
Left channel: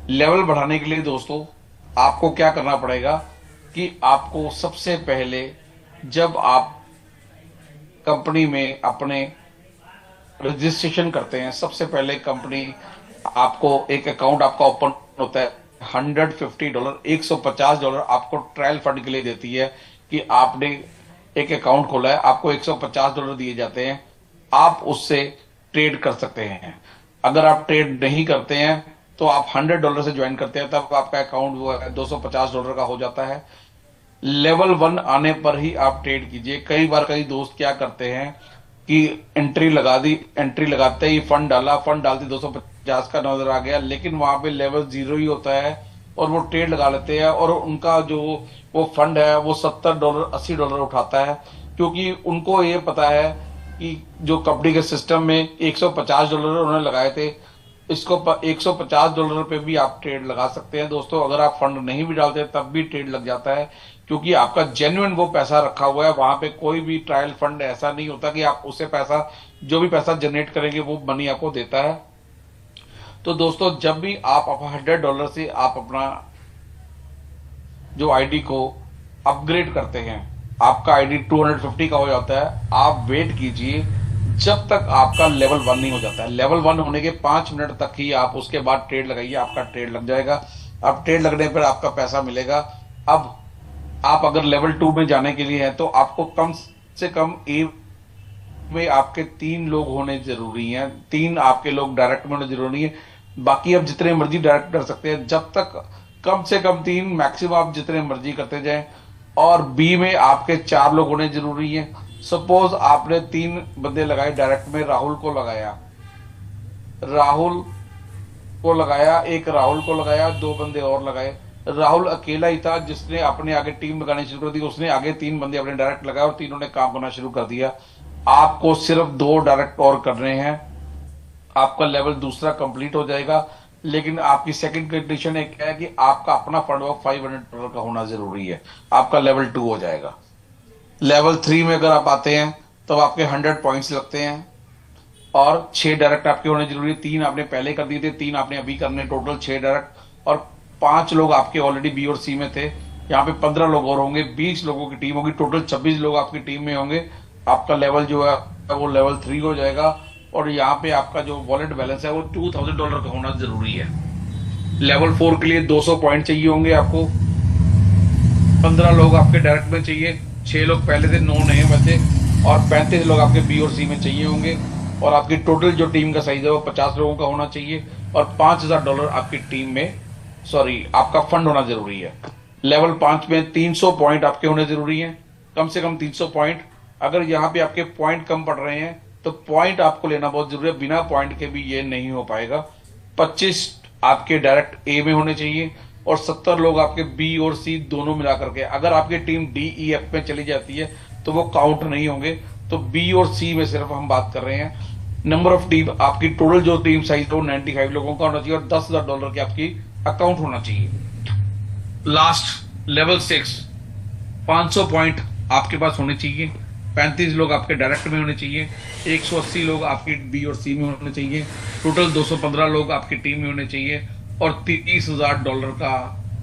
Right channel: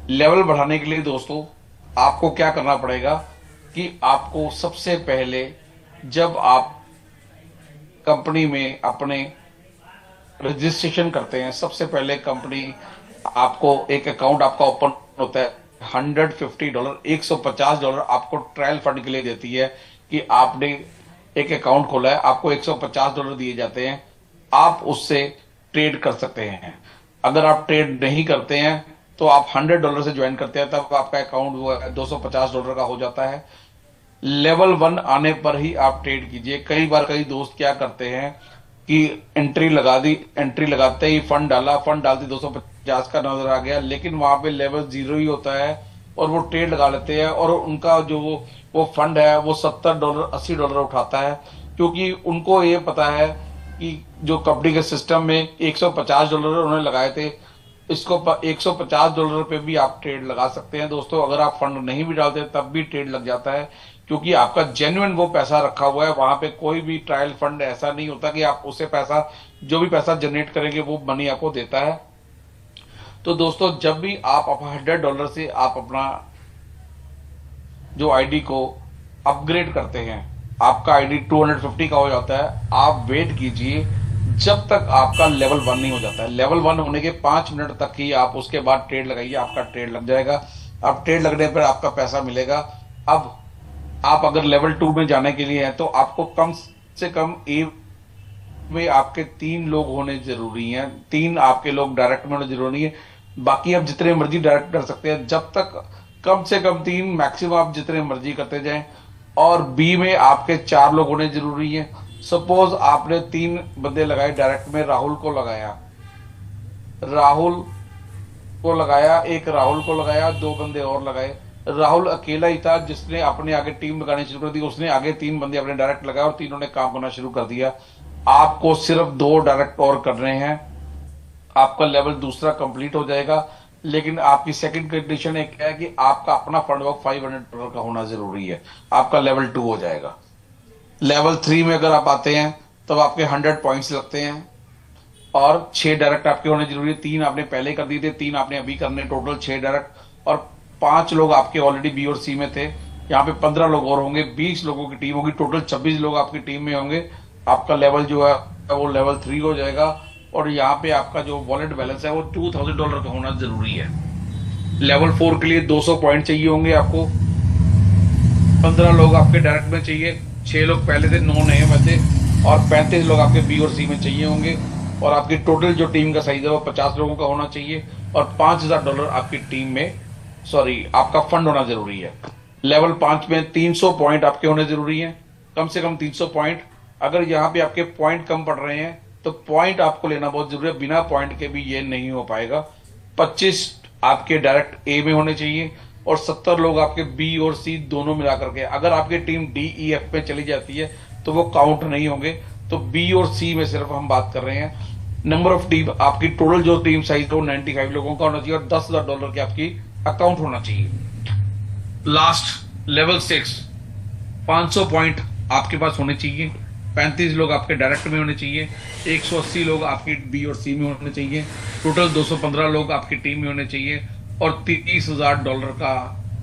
लेवल बढ़ाने के लिए दोस्तों आपको क्या करना पड़ेगा कि आपको सबसे पहले जब आप कंपनी में अपने रजिस्ट्रेशन करते हैं, सबसे पहले कंपनी आपको एक अकाउंट आपका ओपन होता है। $150 $150 आपको ट्रायल फंड के लिए देती है कि आपने एक अकाउंट खोला है, आपको $150 दिए जाते हैं, आप उससे ट्रेड कर सकते हैं। अगर आप ट्रेड नहीं करते हैं तो आप $100 से ज्वाइन करते हैं, तब आपका अकाउंट वो है $250 का हो जाता है। लेवल 1 आने पर ही आप ट्रेड कीजिए। कई बार कई दोस्त क्या करते हैं कि एंट्री लगा दी, एंट्री लगाते ही फंड डाला, फंड डालते 250 का नजर आ गया, लेकिन वहां पे लेवल 0 ही होता है और वो ट्रेड लगा लेते हैं और उनका जो वो फंड है वो $70 $80 उठाता है, क्योंकि उनको ये पता है कि जो कंपनी के सिस्टम में $150 उन्होंने लगाए थे, इसको $150 पे भी आप ट्रेड लगा सकते हैं दोस्तों। अगर आप फंड नहीं भी डालते तब भी ट्रेड लग जाता है, क्योंकि आपका जेन्युइन वो पैसा रखा हुआ है। वहां पे कोई भी ट्रायल फंड ऐसा नहीं होता कि आप उससे पैसा, जो भी पैसा जनरेट करेंगे वो मनी आपको देता है। तो दोस्तों जब भी आप $100 से आप अपना जो आईडी को अपग्रेड करते हैं, आपका आईडी 250 का हो जाता है, आप वेट कीजिए जब तक आपका लेवल 1 नहीं हो जाता है। लेवल 1 होने के 5 मिनट तक ही आप उसके बाद ट्रेड लगाइए, आपका ट्रेड लग जाएगा। अब ट्रेड लगने पर आपका पैसा मिलेगा। अब आप अगर लेवल 2 में जाने के लिए हैं तो आपको कम से कम ए में आपके 3 लोग होने जरूरी हैं, 3 आपके लोग डायरेक्ट में होने जरूरी है। बाकी आप जितने मर्जी डायरेक्ट कर सकते हैं, जब तक कम से कम 3, मैक्सिमम आप जितने मर्जी करते जाएं। और बी में आपके 4 लोग होने जरूरी हैं। सपोज आपने 3 बंदे लगाए डायरेक्ट में, राहुल को लगाया, एक राहुल को लगाया, 2 बंदे और लगाए। राहुल अकेला ही था जिसने अपने आगे टीम लगानी शुरू कर दी, उसने आगे 3 बंदे अपने डायरेक्ट लगाए और तीनों ने काम करना शुरू कर दिया। आपको सिर्फ 2 डायरेक्ट और करने हैं, आपका लेवल दूसरा कंप्लीट हो जाएगा। लेकिन आपकी सेकंड कंडीशन एक है कि आपका अपना फंड वर्क $500 का होना जरूरी है, आपका लेवल 2 हो जाएगा। लेवल 3 में अगर आप आते हैं तब आपके 100 पॉइंट्स लगते हैं और 6 डायरेक्ट आपके होने जरूरी है। 3 आपने पहले कर दिए थे, 3 आपने अभी करने, टोटल 6 डायरेक्ट। और 5 लोग आपके ऑलरेडी बी और सी में थे, यहाँ पे 15 लोग और होंगे, 20 लोगों की टीम होगी, टोटल 26 लोग आपकी टीम में होंगे। आपका लेवल जो है वो लेवल 3 हो जाएगा और यहाँ पे आपका जो वॉलेट बैलेंस है वो $2000 का होना जरूरी है। लेवल 4 के लिए 200 पॉइंट चाहिए होंगे आपको, 15 लोग आपके डायरेक्ट में चाहिए, 6 लोग पहले थे, 9 नए बचे और 35 लोग आपके बी और सी में चाहिए होंगे। और आपकी टोटल जो टीम का साइज है वो 50 लोगों का होना चाहिए और $5000 आपकी टीम में, सॉरी, आपका फंड होना जरूरी है। लेवल 5 में 300 पॉइंट आपके होने जरूरी हैं, कम से कम 300 पॉइंट। अगर यहाँ पे आपके पॉइंट कम पड़ रहे हैं तो पॉइंट आपको लेना बहुत जरूरी है, बिना पॉइंट के भी ये नहीं हो पाएगा। 25 आपके डायरेक्ट ए में होने चाहिए और 70 लोग आपके बी और सी दोनों मिला करके। अगर आपकी टीम डी ई एफ में चली जाती है तो वो काउंट नहीं होंगे, तो बी और सी में सिर्फ हम बात कर रहे हैं। नंबर ऑफ टीम, आपकी टोटल जो टीम साइज है वो 95 लोगों का होना चाहिए और $10,000 की आपकी अकाउंट होना चाहिए। लास्ट लेवल 6, 500 पॉइंट आपके पास होने चाहिए, 35 लोग आपके डायरेक्ट में होने चाहिए, 180 लोग आपकी बी और सी में होने चाहिए, टोटल 215 लोग आपकी टीम में होने चाहिए और $30,000 का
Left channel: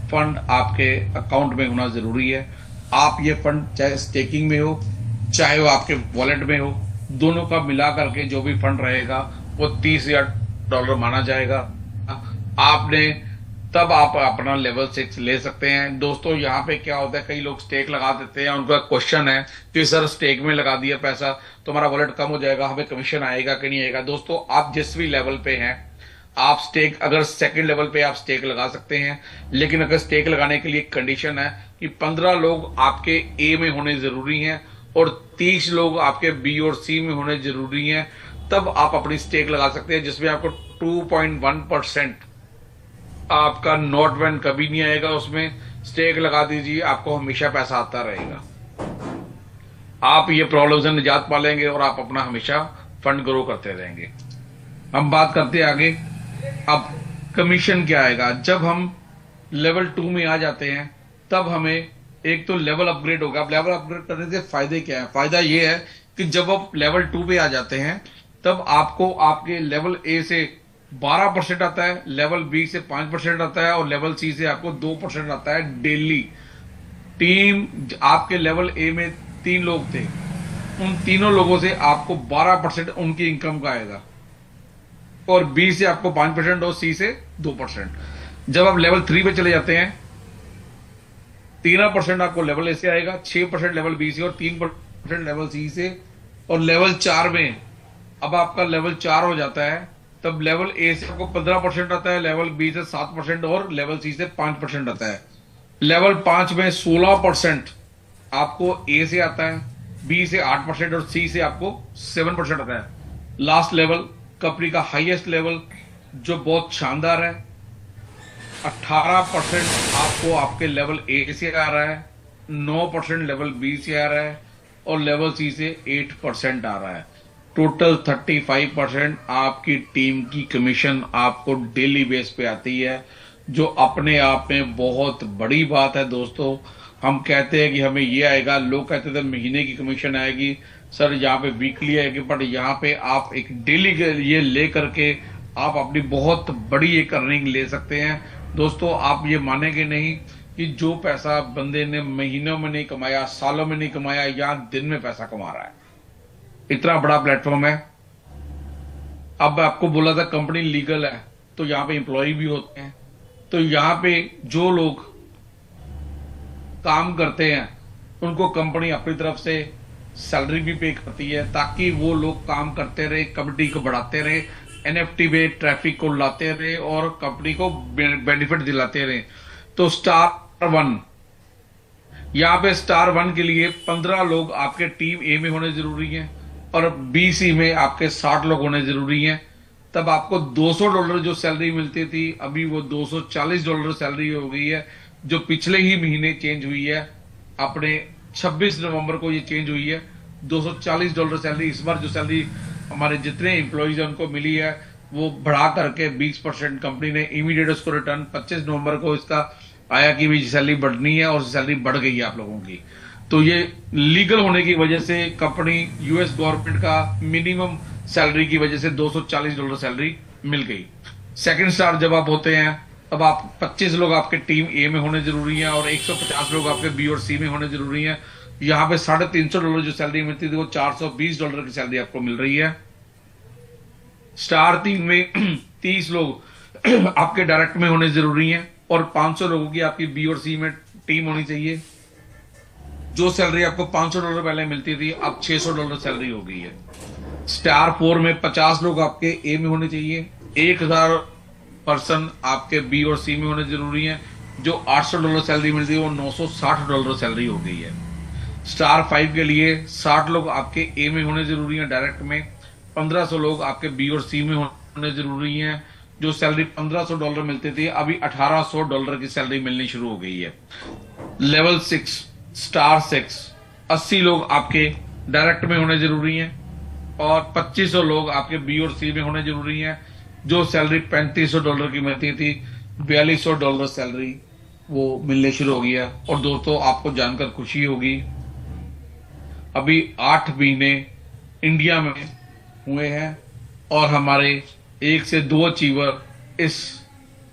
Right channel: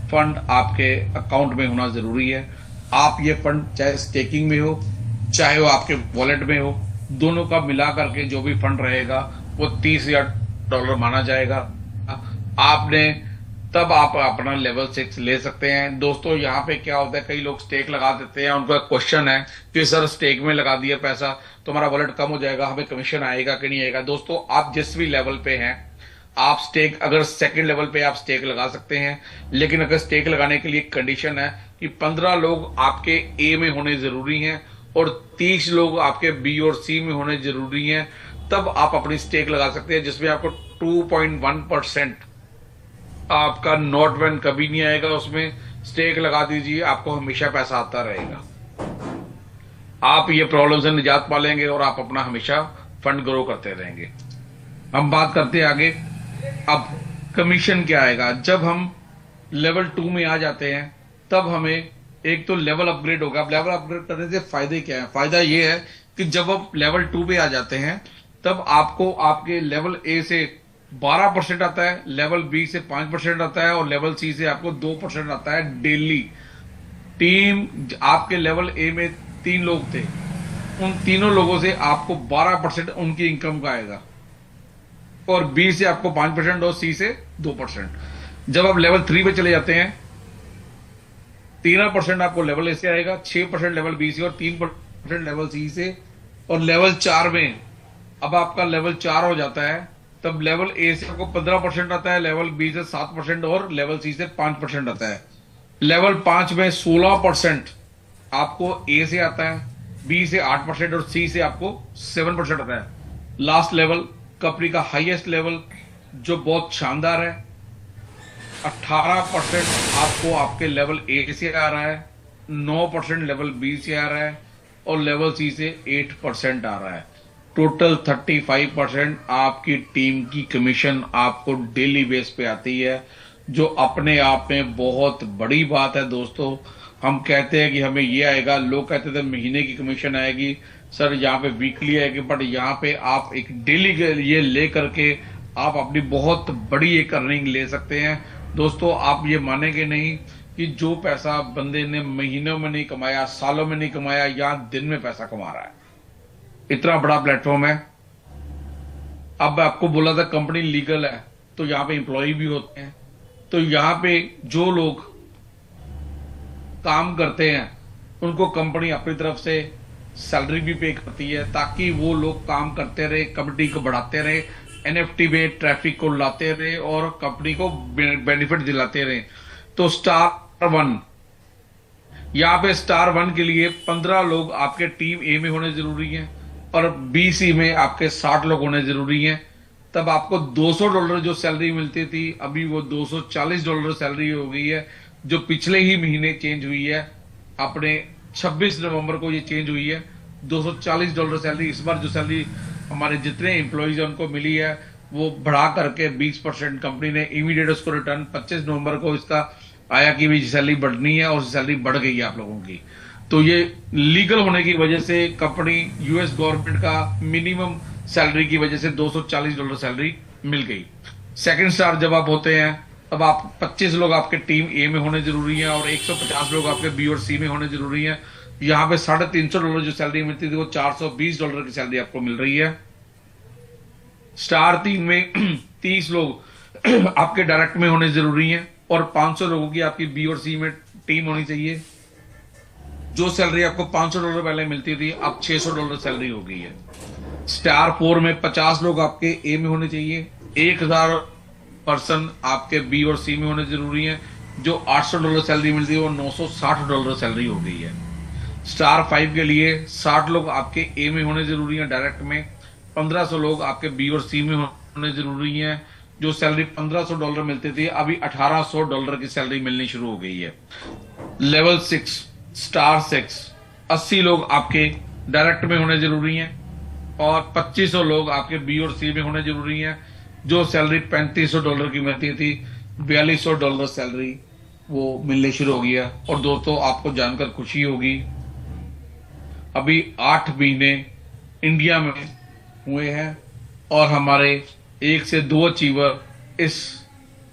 फंड आपके अकाउंट में होना जरूरी है। आप ये फंड चाहे स्टेकिंग में हो चाहे वो आपके वॉलेट में हो, दोनों का मिला करके जो भी फंड रहेगा वो $30,000 माना जाएगा। आपने तब आप अपना लेवल 6 ले सकते हैं। दोस्तों यहाँ पे क्या होता है, कई लोग स्टेक लगा देते हैं, उनका क्वेश्चन है कि सर स्टेक में लगा दिया पैसा तो हमारा वॉलेट कम हो जाएगा, हमें कमीशन आएगा कि नहीं आएगा। दोस्तों आप जिस भी लेवल पे हैं, आप स्टेक, अगर सेकंड लेवल पे आप स्टेक लगा सकते हैं, लेकिन अगर स्टेक लगाने के लिए कंडीशन है कि 15 लोग आपके ए में होने जरूरी हैं और 30 लोग आपके बी और सी में होने जरूरी हैं, तब आप अपनी स्टेक लगा सकते हैं, जिसमें आपको 2.1% आपका नॉट बैन कभी नहीं आएगा। उसमें स्टेक लगा दीजिए, आपको हमेशा पैसा आता रहेगा। आप ये प्रॉब्लम से निजात पालेंगे और आप अपना हमेशा फंड ग्रो करते रहेंगे। हम बात करते हैं आगे। अब कमीशन क्या आएगा जब हम लेवल 2 में आ जाते हैं, तब हमें एक तो लेवल अपग्रेड होगा। अब लेवल अपग्रेड करने से फायदे क्या है? फायदा ये है कि जब आप लेवल 2 पे आ जाते हैं, तब आपको आपके लेवल ए से 12% आता है, लेवल बी से 5% आता है और लेवल सी से आपको 2% आता है डेली। टीम आपके लेवल ए में 3 लोग थे, उन तीनों लोगों से आपको 12% उनकी इनकम का आएगा, और बी से आपको 5% और सी से 2%। जब आप लेवल 3 पे चले जाते हैं, 13% आपको लेवल ए से आएगा, 6% लेवल बी से और 3% लेवल सी से। और लेवल 4 में अब आपका लेवल 4 हो जाता है, तब लेवल ए से आपको 15% आता है, लेवल बी से 7% और लेवल सी से 5% आता है। लेवल 5 में 16% आपको ए से आता है, बी से 8% और सी से आपको 7% आता है। लास्ट लेवल, कंपनी का हाईएस्ट लेवल जो बहुत शानदार है, 18% आपको आपके लेवल ए से आ रहा है, 9% लेवल बी से आ रहा है और लेवल सी से 8% आ रहा है। टोटल 35% आपकी टीम की कमीशन आपको डेली बेस पे आती है, जो अपने आप में बहुत बड़ी बात है। दोस्तों हम कहते हैं कि हमें ये आएगा, लोग कहते थे महीने की कमीशन आएगी, सर यहाँ पे वीकली आएगी, बट यहाँ पे आप एक डेली के लिए ले करके आप अपनी बहुत बड़ी एक अर्निंग ले सकते हैं। दोस्तों आप ये मानेंगे नहीं कि जो पैसा बंदे ने महीनों में नहीं कमाया, सालों में नहीं कमाया, यहाँ दिन में पैसा कमा रहा है। इतना बड़ा प्लेटफॉर्म है। अब आपको बोला था कंपनी लीगल है, तो यहाँ पे एम्प्लॉय भी होते हैं, तो यहाँ पे जो लोग काम करते हैं उनको कंपनी अपनी तरफ से सैलरी भी पे करती है, ताकि वो लोग काम करते रहे, कंपनी को बढ़ाते रहे, एनएफटी में ट्रैफिक को लाते रहे और कंपनी को बेनिफिट दिलाते रहे। तो स्टार 1, यहाँ पे स्टार 1 के लिए 15 लोग आपके टीम ए में होने जरूरी हैं और बी सी में आपके 60 लोग होने जरूरी हैं। तब आपको $200 जो सैलरी मिलती थी, अभी वो $240 सैलरी हो गई है, जो पिछले ही महीने चेंज हुई है। अपने 26 नवंबर को ये चेंज हुई है। $240 सैलरी इस बार जो सैलरी हमारे जितने एम्प्लॉयज हैं उनको मिली है, वो बढ़ा करके 20% कंपनी ने इमीडिएट उसको रिटर्न 25 नवंबर को इसका आया कि भी सैलरी बढ़नी है, और सैलरी बढ़ गई है आप लोगों की। तो ये लीगल होने की वजह से कंपनी, यूएस गवर्नमेंट का मिनिमम सैलरी की वजह से $240 सैलरी मिल गई। सेकंड स्टार जब आप होते हैं, तब आप 25 लोग आपके टीम ए में होने जरूरी हैं और 150 लोग आपके बी और सी में होने जरूरी हैं। यहाँ पे $350 जो सैलरी मिलती थी, वो $420 की सैलरी आपको मिल रही है। स्टार 3 में 30 लोग आपके डायरेक्ट में होने जरूरी हैं और 500 लोगों की आपकी बी और सी में टीम होनी चाहिए। जो सैलरी आपको $500 पहले मिलती थी, अब $600 सैलरी हो गई है। स्टार 4 में 50 लोग आपके ए में होने चाहिए, 1000 पर्सन आपके बी और सी में होने जरूरी है। जो $800 सैलरी मिलती है, वो $960 सैलरी हो गई है। स्टार 5 के लिए 60 लोग आपके ए में होने जरूरी है डायरेक्ट में, 1500 लोग आपके बी और सी में होने जरूरी हैं। जो सैलरी $1500 मिलती थी, अभी $1800 की सैलरी मिलनी शुरू हो गई है। लेवल 6, स्टार 6, 80 लोग आपके डायरेक्ट में होने जरूरी हैं और 2500 लोग आपके बी और सी में होने जरूरी हैं। जो सैलरी $3500 की मिलती थी, $4200 सैलरी वो मिलने शुरू हो गई है। और दोस्तों आपको जानकर खुशी होगी, अभी 8 महीने इंडिया में हुए हैं और हमारे 1 से 2 अचीवर इस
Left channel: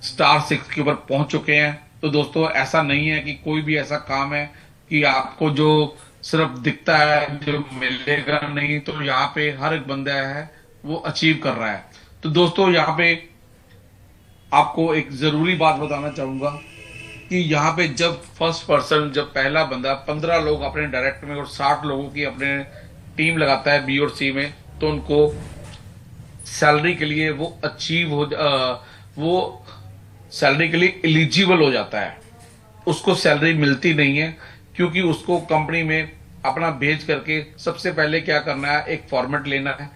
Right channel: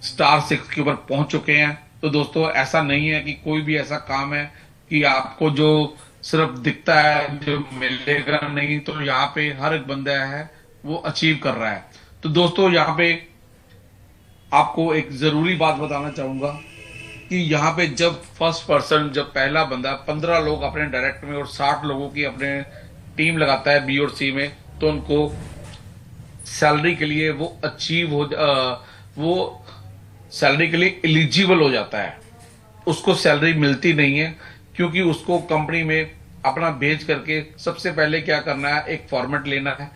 स्टार 6 के ऊपर पहुंच चुके हैं। तो दोस्तों ऐसा नहीं है कि कोई भी ऐसा काम है कि आपको जो सिर्फ दिखता है, जो मिलेगा नहीं। तो यहाँ पे हर एक बंदा है वो अचीव कर रहा है। तो दोस्तों यहाँ पे आपको एक जरूरी बात बताना चाहूंगा कि यहाँ पे जब फर्स्ट पर्सन, जब पहला बंदा 15 लोग अपने डायरेक्ट में और 60 लोगों की अपने टीम लगाता है बी और सी में, तो उनको सैलरी के लिए वो सैलरी के लिए एलिजिबल हो जाता है। उसको सैलरी मिलती नहीं है, क्योंकि उसको कंपनी में अपना भेज करके सबसे पहले क्या करना है, एक फॉर्मेट लेना है,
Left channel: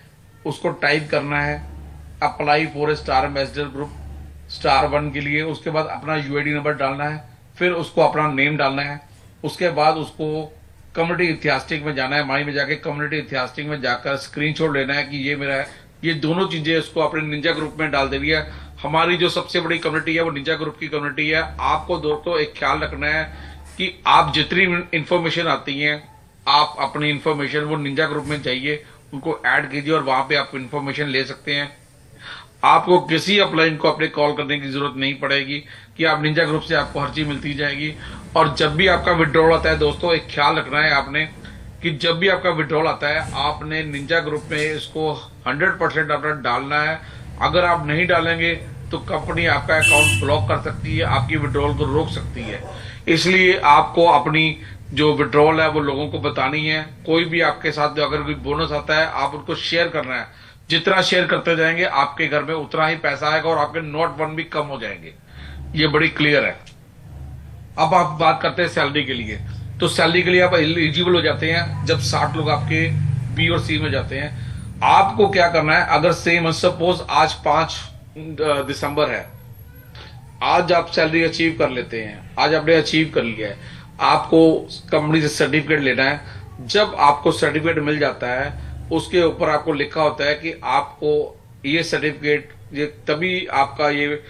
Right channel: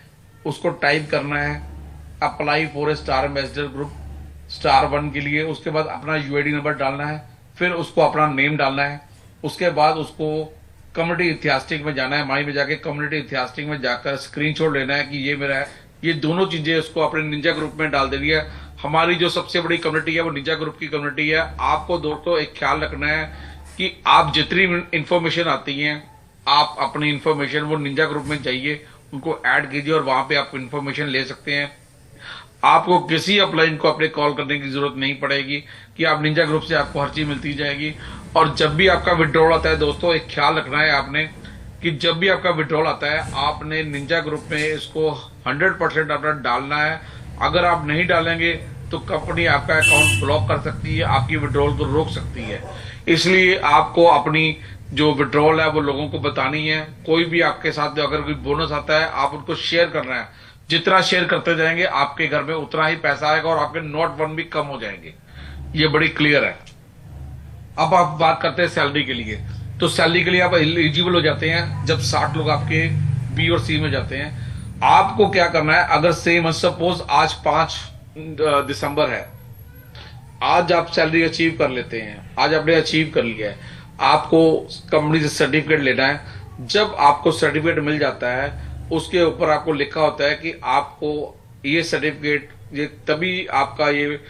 उसको टाइप करना है, apply for a star ambassador group star 1 के लिए। उसके बाद अपना यूआईडी नंबर डालना है, फिर उसको अपना नेम डालना है। उसके बाद उसको कम्युनिटी इतिहास्टिक में जाना है, माई में जाके कम्युनिटी इतिहास्टिक में जाकर स्क्रीनशॉट लेना है कि ये मेरा है। ये दोनों चीजें उसको अपने निंजा ग्रुप में डाल देनी है। हमारी जो सबसे बड़ी कम्युनिटी है वो निंजा ग्रुप की कम्युनिटी है। आपको दोस्तों एक ख्याल रखना है कि आप जितनी इंफॉर्मेशन आती है, आप अपनी इंफॉर्मेशन वो निंजा ग्रुप में जाइए, उनको ऐड कीजिए और वहां पे आप इंफॉर्मेशन ले सकते हैं। आपको किसी अपलाइन को अपने कॉल करने की जरूरत नहीं पड़ेगी कि आप निंजा ग्रुप से आपको हर चीज मिलती जाएगी। और जब भी आपका विड्रॉल आता है दोस्तों, एक ख्याल रखना है आपने कि जब भी आपका विड्रॉल आता है, आपने निंजा ग्रुप में इसको 100% अपना डालना है। अगर आप नहीं डालेंगे तो कंपनी आपका अकाउंट ब्लॉक कर सकती है, आपकी विड्रॉल को रोक सकती है। इसलिए आपको अपनी जो विड्रॉल है वो लोगों को बतानी है। कोई भी आपके साथ अगर कोई बोनस आता है, आप उनको शेयर करना है। जितना शेयर करते जाएंगे आपके घर में उतना ही पैसा आएगा और आपके नोट 1 भी कम हो जाएंगे। ये बड़ी क्लियर है। अब आप बात करते हैं सैलरी के लिए। तो सैलरी के लिए आप एलिजिबल हो जाते हैं जब 60 लोग आपके बी और सी में जाते हैं। आपको क्या करना है, अगर सेम सपोज आज 5 दिसंबर है, आज आप सैलरी अचीव कर लेते हैं, आज आपने अचीव कर लिया है, आपको कंपनी से सर्टिफिकेट लेना है। जब आपको सर्टिफिकेट मिल जाता है, उसके ऊपर आपको लिखा होता है कि आपको ये सर्टिफिकेट, ये तभी आपका ये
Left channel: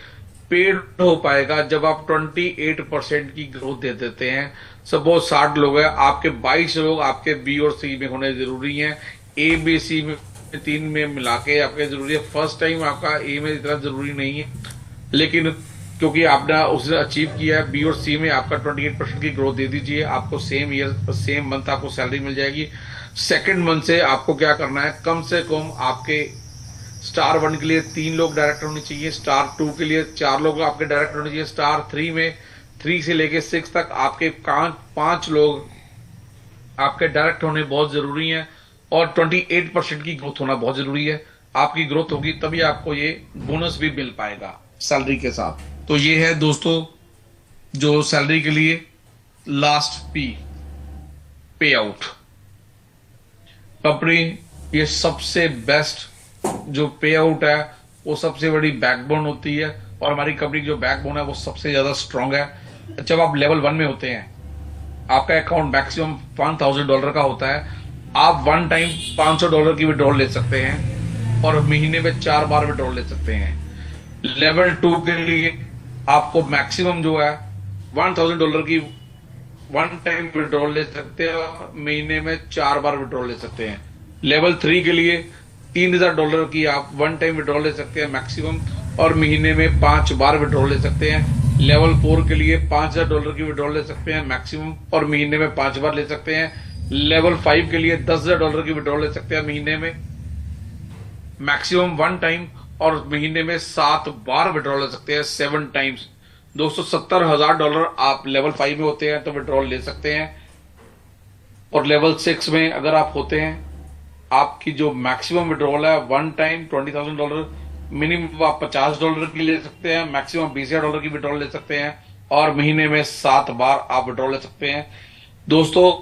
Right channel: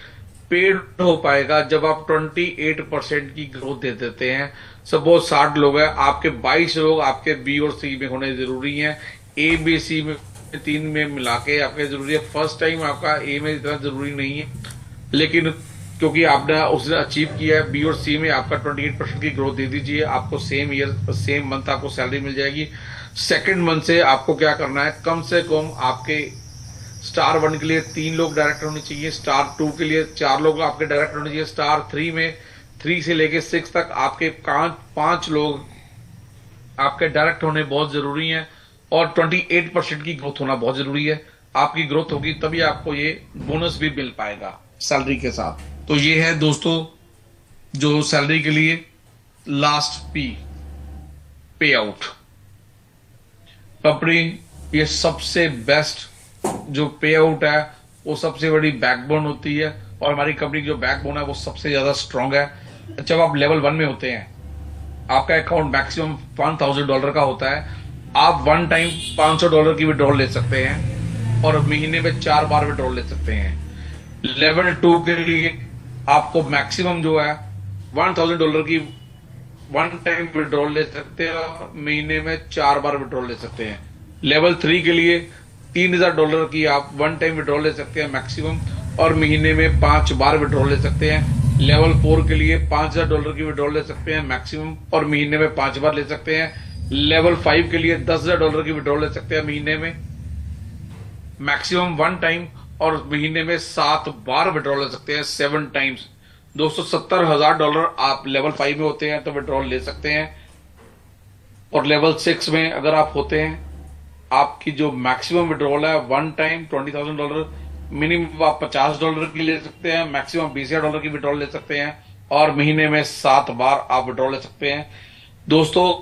पेड हो पाएगा जब आप 28% की ग्रोथ दे देते हैं। सपोज 60 लोग हैं, आपके 22 लोग आपके बी और सी में होने जरूरी हैं। ए बी सी में 3 में मिला के आपके जरूरी है। फर्स्ट टाइम आपका ए में इतना जरूरी नहीं है, लेकिन क्योंकि आपने उसने अचीव किया है, बी और सी में आपका 28% की ग्रोथ दे दीजिए, आपको सेम ईयर सेम मंथ आपको सैलरी मिल जाएगी। सेकेंड मंथ से आपको क्या करना है, कम से कम आपके स्टार 1 के लिए 3 लोग डायरेक्टर होने चाहिए, स्टार 2 के लिए 4 लोग आपके डायरेक्टर होने चाहिए, स्टार 3 में 3 से लेके 6 तक आपके 5 लोग आपके डायरेक्ट होने बहुत जरूरी है। और 28% की ग्रोथ होना बहुत जरूरी है। आपकी ग्रोथ होगी तभी आपको ये बोनस भी मिल पाएगा सैलरी के साथ। तो ये है दोस्तों जो सैलरी के लिए लास्ट पे आउट। कंपनी ये सबसे बेस्ट जो पे आउट है, वो सबसे बड़ी बैकबोन होती है। और हमारी कंपनी की जो बैकबोन है वो सबसे ज्यादा स्ट्रांग है। जब आप लेवल 1 में होते हैं, आपका अकाउंट मैक्सिमम $1,000 का होता है। आप वन टाइम $500 की विड्रॉल ले सकते हैं और महीने में 4 बार विड्रॉल ले सकते हैं। लेवल 2 के लिए आपको मैक्सिमम जो है $1,000 की वन टाइम विड्रॉल ले सकते हैं और महीने में 4 बार विड्रॉल ले सकते हैं। लेवल 3 के लिए $3,000 की आप वन टाइम विड्रॉल ले सकते हैं मैक्सिमम, और महीने में 5 बार विड्रॉल ले सकते हैं। लेवल 4 के लिए $5,000 की विड्रॉल ले सकते हैं मैक्सिमम, और महीने में 5 बार ले सकते हैं। लेवल 5 के लिए $10,000 की विड्रॉल ले सकते हैं महीने में मैक्सिमम वन टाइम, और महीने में 7 बार विड्रॉल ले सकते हैं 7 टाइम्स। दोस्तों $70,000 आप लेवल 5 में होते हैं तो विड्रॉल ले सकते हैं। और लेवल 6 में अगर आप होते हैं, आपकी जो मैक्सिमम विड्रॉल है वन टाइम $20,000, मिनिमम आप $50 की ले सकते हैं, मैक्सिमम $20,000 की विड्रॉल ले सकते हैं, और महीने में 7 बार आप विड्रॉल ले सकते हैं। दोस्तों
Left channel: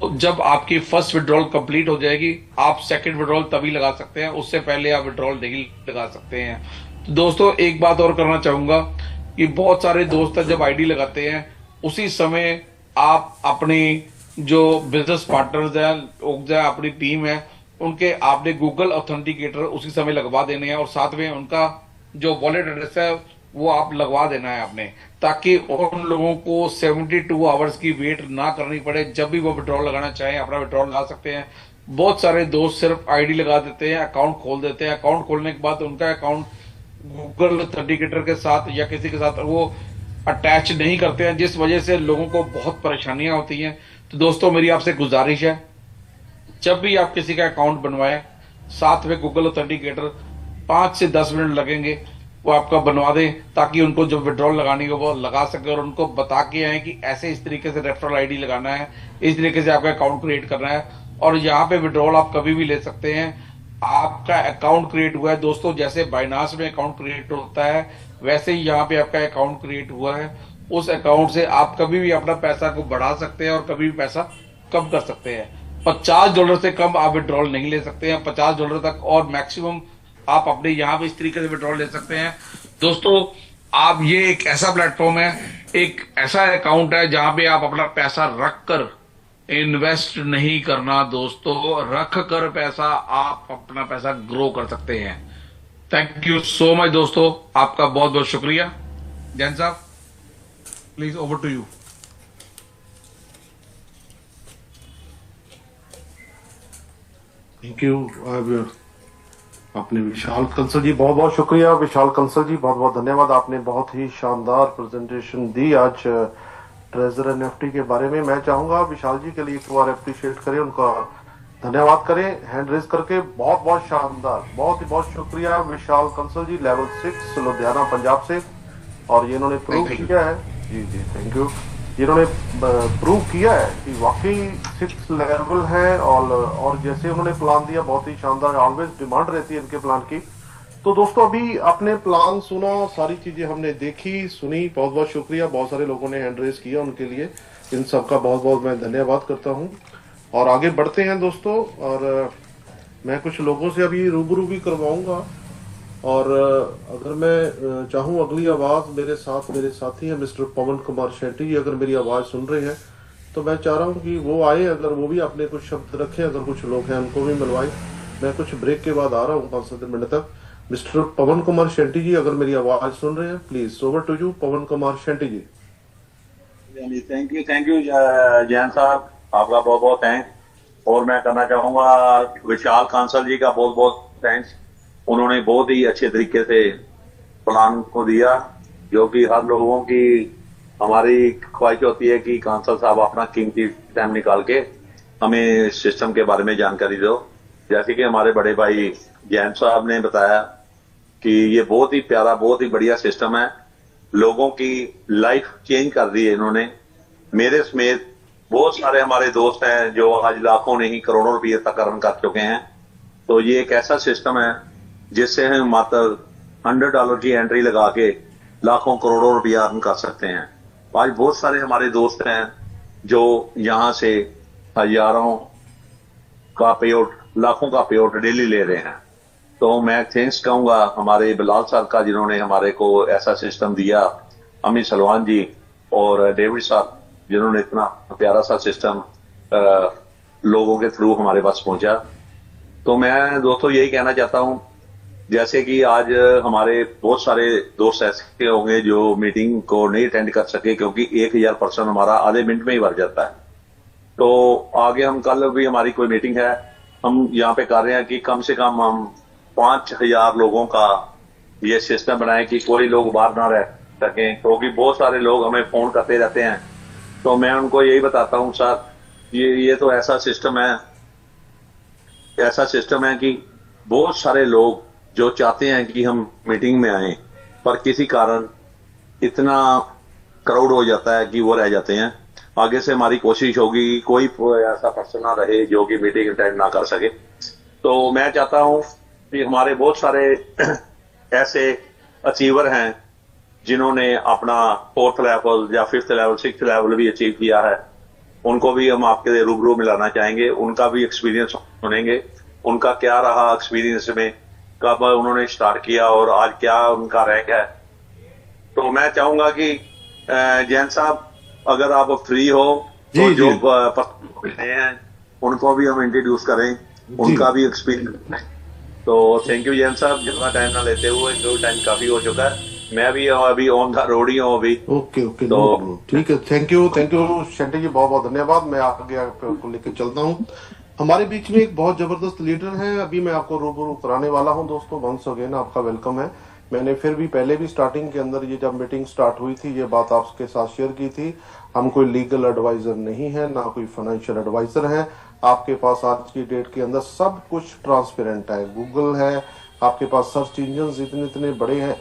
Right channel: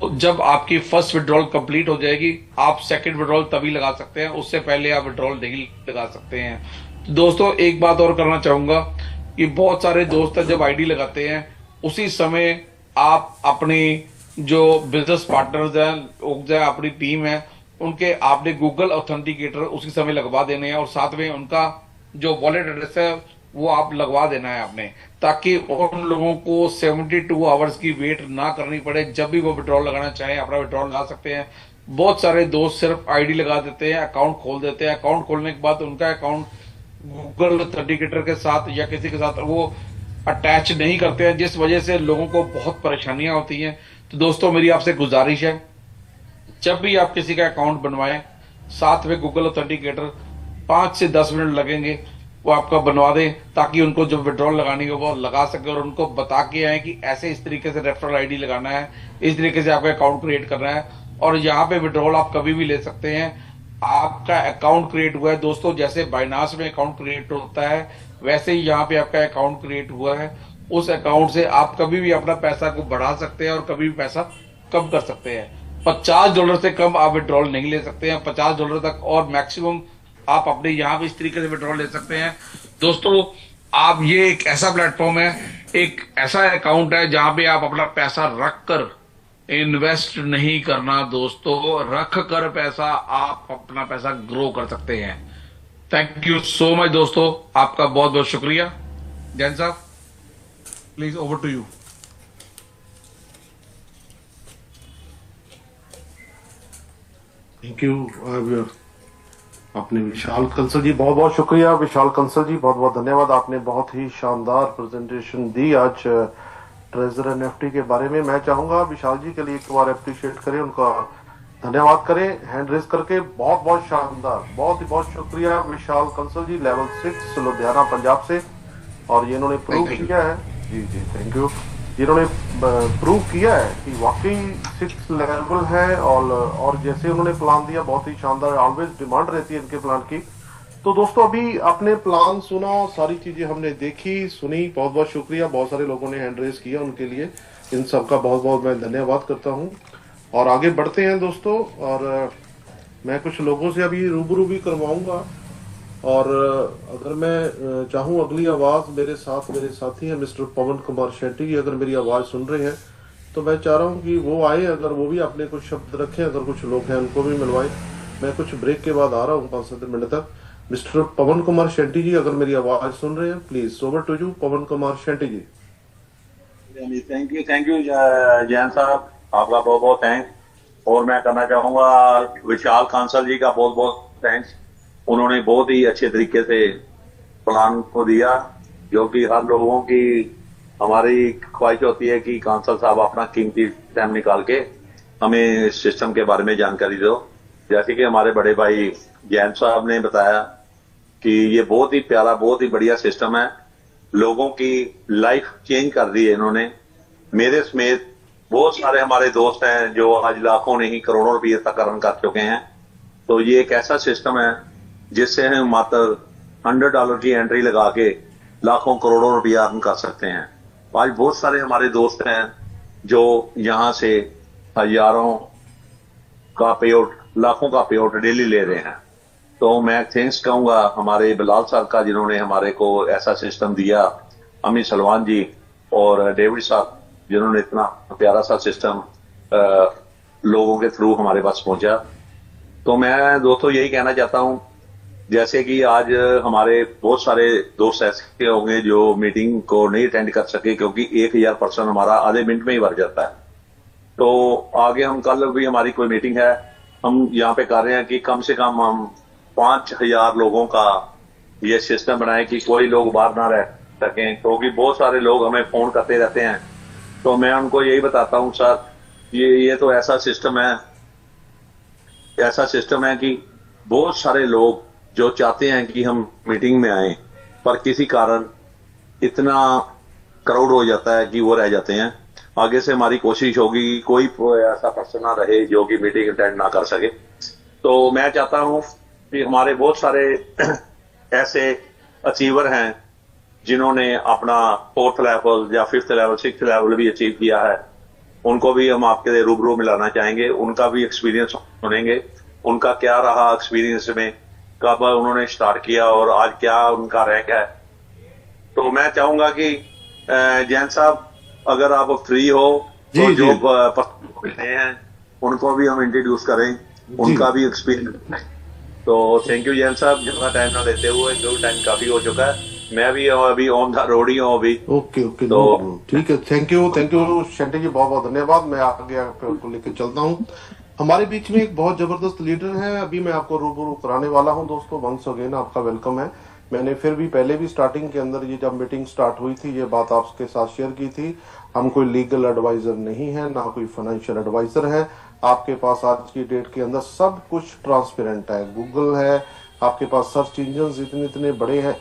जब आपकी फर्स्ट विड्रॉल कंप्लीट हो जाएगी, आप सेकंड विड्रॉल तभी लगा सकते हैं, उससे पहले आप विड्रॉल नहीं लगा सकते हैं। तो दोस्तों एक बात और करना चाहूंगा कि बहुत सारे दोस्त जब आईडी लगाते हैं, उसी समय आप अपनी जो बिजनेस पार्टनर्स हैं, लोग हैं, अपनी टीम है, उनके आपने गूगल ऑथेंटिकेटर उसी समय लगवा देने हैं, और साथ में उनका जो वॉलेट एड्रेस है वो आप लगवा देना है आपने, ताकि उन लोगों को 72 आवर्स की वेट ना करनी पड़े। जब भी वो विड्रॉल लगाना चाहें अपना विड्रॉल लगा सकते हैं। बहुत सारे दोस्त सिर्फ आईडी लगा देते हैं, अकाउंट खोल देते हैं, अकाउंट खोलने के बाद उनका अकाउंट गूगल ऑथेंटिकेटर के साथ या किसी के साथ वो अटैच नहीं करते हैं, जिस वजह से लोगों को बहुत परेशानियां होती हैं। तो दोस्तों मेरी आपसे गुजारिश है, जब भी आप किसी का अकाउंट बनवाएं, साथ में गूगल ऑथेंटिकेटर 5 से 10 मिनट लगेंगे, वो आपका बनवा दें, ताकि उनको जब विड्रॉल लगानी हो वो लगा सके, और उनको बता के आए कि ऐसे इस तरीके से रेफरल आईडी लगाना है, इस तरीके से आपका अकाउंट क्रिएट करना है, और यहाँ पे विड्रॉल आप कभी भी ले सकते हैं। आपका अकाउंट क्रिएट हुआ है दोस्तों, जैसे बाइनांस में अकाउंट क्रिएट होता है वैसे ही यहाँ पे आपका अकाउंट क्रिएट हुआ है। उस अकाउंट से आप कभी भी अपना पैसा को बढ़ा सकते हैं और कभी भी पैसा कम कर सकते हैं। $50 से कम आप विड्रॉल नहीं ले सकते हैं, $50 तक, और मैक्सिमम आप अपने यहाँ पे इस तरीके से विड्रॉल ले सकते हैं। दोस्तों, आप ये एक ऐसा प्लेटफॉर्म है, एक ऐसा अकाउंट है जहां पे आप अपना पैसा रख कर इन्वेस्ट नहीं करना दोस्तों, रख कर पैसा आप अपना पैसा ग्रो कर सकते हैं। थैंक यू सो मच दोस्तों, आपका बहुत बहुत शुक्रिया। जैन साहब, please over to you. Thank you. अब अपने विशाल कंसल जी, बहुत बहुत शुक्रिया। विशाल कंसल जी, बहुत बहुत धन्यवाद। आपने बहुत ही शानदार प्रेजेंटेशन दी आज ट्रेजर एनएफटी के बारे में। मैं चाहूंगा विशाल जी के लिए एक बार अप्रिशिएट करें, उनका धन्यवाद करें हैंड रेज करके। बहुत बहुत शानदार, बहुत ही बहुत शुक्रिया विशाल कंसल जी, लेवल 6 लुधियाना पंजाब से। और ये इन्होंने प्रूव थैंक यू। किया है। जी जी, थैंक यू। इन्होंने प्रूव किया है कि वाकई 6 लेवल है। और जैसे उन्होंने प्लान दिया, बहुत ही शानदार। ऑलवेज डिमांड रहती है इनके प्लान की। तो दोस्तों, अभी आपने प्लान सुना, सारी चीजें हमने देखी सुनी। बहुत बहुत शुक्रिया। बहुत सारे लोगों ने हैंड रेज किया, उनके लिए इन सबका बहुत बहुत मैं धन्यवाद करता हूं। और आगे बढ़ते हैं दोस्तों। और मैं कुछ लोगों से अभी रूबरू भी करवाऊंगा। और अगर मैं चाहूं, अगली आवाज मेरे साथ मेरे साथी हैं मिस्टर पवन कुमार शेट्टी जी, अगर मेरी आवाज सुन रहे हैं तो मैं चाह रहा हूं कि वो आए, अगर वो भी अपने कुछ शब्द रखें। अगर कुछ लोग हैं उनको भी मिलवाएं। मैं कुछ ब्रेक के बाद आ रहा हूं 5-7 मिनट तक। मिस्टर पवन कुमार शेट्टी जी, अगर मेरी आवाज सुन रहे हैं, please over to you Pavan Kumar Shetty ji. Thank you Jain साहब, आपका बहुत बहुत थैंक्स। और मैं करना चाहूंगा विशाल कांसल जी का बहुत बहुत थैंक्स। उन्होंने बहुत ही अच्छे तरीके से प्लान को दिया, जो कि हर लोगों की हमारी ख्वाहिश होती है कि कांसल साहब अपना कीमती टाइम निकाल के हमें सिस्टम के बारे में जानकारी दो। जैसे कि हमारे बड़े भाई जैन साहब ने बताया कि ये बहुत ही प्यारा, बहुत ही बढ़िया सिस्टम है। लोगों की लाइफ चेंज कर दी है इन्होंने। मेरे समेत बहुत सारे हमारे दोस्त हैं जो आज लाखों नहीं करोड़ों रुपये तक अर्न कर चुके हैं। तो ये एक ऐसा सिस्टम है जिससे हम मात्र $100 की एंट्री लगा के लाखों करोड़ों रुपया अर्न कर सकते हैं। आज बहुत सारे हमारे दोस्त हैं जो यहाँ से हजारों का पे आउट, लाखों का पे आउट डेली ले रहे हैं। तो मैं थैंक्स कहूंगा हमारे बिलाल सर का, जिन्होंने हमारे को ऐसा सिस्टम दिया, अमित सलमान जी और डेविड सर, जिन्होंने इतना प्यारा सा सिस्टम लोगों के थ्रू हमारे पास पहुंचा। तो मैं दोस्तों यही कहना चाहता हूं, जैसे कि आज हमारे बहुत सारे दोस्त ऐसे होंगे जो मीटिंग को नहीं अटेंड कर सके, क्योंकि 1000 पर्सन हमारा आधे मिनट में ही भर जाता है। तो आगे हम कल भी हमारी कोई मीटिंग है, हम यहाँ पे कर रहे हैं कि कम से कम हम 5000 लोगों का ये सिस्टम बनाए कि कोई लोग बाहर ना रह सकें, क्योंकि बहुत सारे लोग हमें फोन करते रहते हैं। तो मैं उनको यही बताता हूँ, सर ये तो ऐसा सिस्टम है कि बहुत सारे लोग जो चाहते हैं कि हम मीटिंग में आए, पर किसी कारण इतना क्राउड हो जाता है कि वो रह जाते हैं। आगे से हमारी कोशिश होगी कि कोई ऐसा पर्सन ना रहे जो कि मीटिंग अटेंड ना कर सके। तो मैं चाहता हूं कि हमारे बहुत सारे ऐसे अचीवर हैं जिन्होंने अपना 4th लेवल या 5th लेवल 6th लेवल भी अचीव किया है। उनको भी हम आपके रूबरू मिलाना चाहेंगे, उनका भी एक्सपीरियंस सुनेंगे, उनका क्या रहा एक्सपीरियंस में, कब उन्होंने स्टार्ट किया और आज क्या उनका रैंक है। तो मैं चाहूंगा कि जैन साहब, अगर आप फ्री हो तो जी जो जी पर्सन मिलते हैं उनको भी हम इंट्रोड्यूस करें, जी। उनका भी एक्सपीरियंस करें। तो थैंक यू जैन साहब, ज्यादा टाइम ना लेते हुए, जो टाइम काफी हो चुका है, मैं भी अभी ऑन द रोड ही हूँ अभी। ओके ओके, तो नो प्रॉब्लम, ठीक है। थैंक यू शेट्टी जी, बहुत बहुत धन्यवाद। मैं आगे आपको लेकर चलता हूँ। हमारे बीच में एक बहुत जबरदस्त लीडर है, अभी मैं आपको रूबरू कराने वाला हूं दोस्तों। वंस अगेन आपका वेलकम है। मैंने फिर भी पहले भी स्टार्टिंग के अंदर, ये जब मीटिंग स्टार्ट हुई थी, ये बात आपके साथ शेयर की थी। हम कोई लीगल एडवाइजर नहीं है, ना कोई फाइनेंशियल एडवाइजर है। आपके पास आज की डेट के अंदर सब कुछ ट्रांसपेरेंट है। गूगल है, आपके पास सर्च इंजन इतने इतने बड़े हैं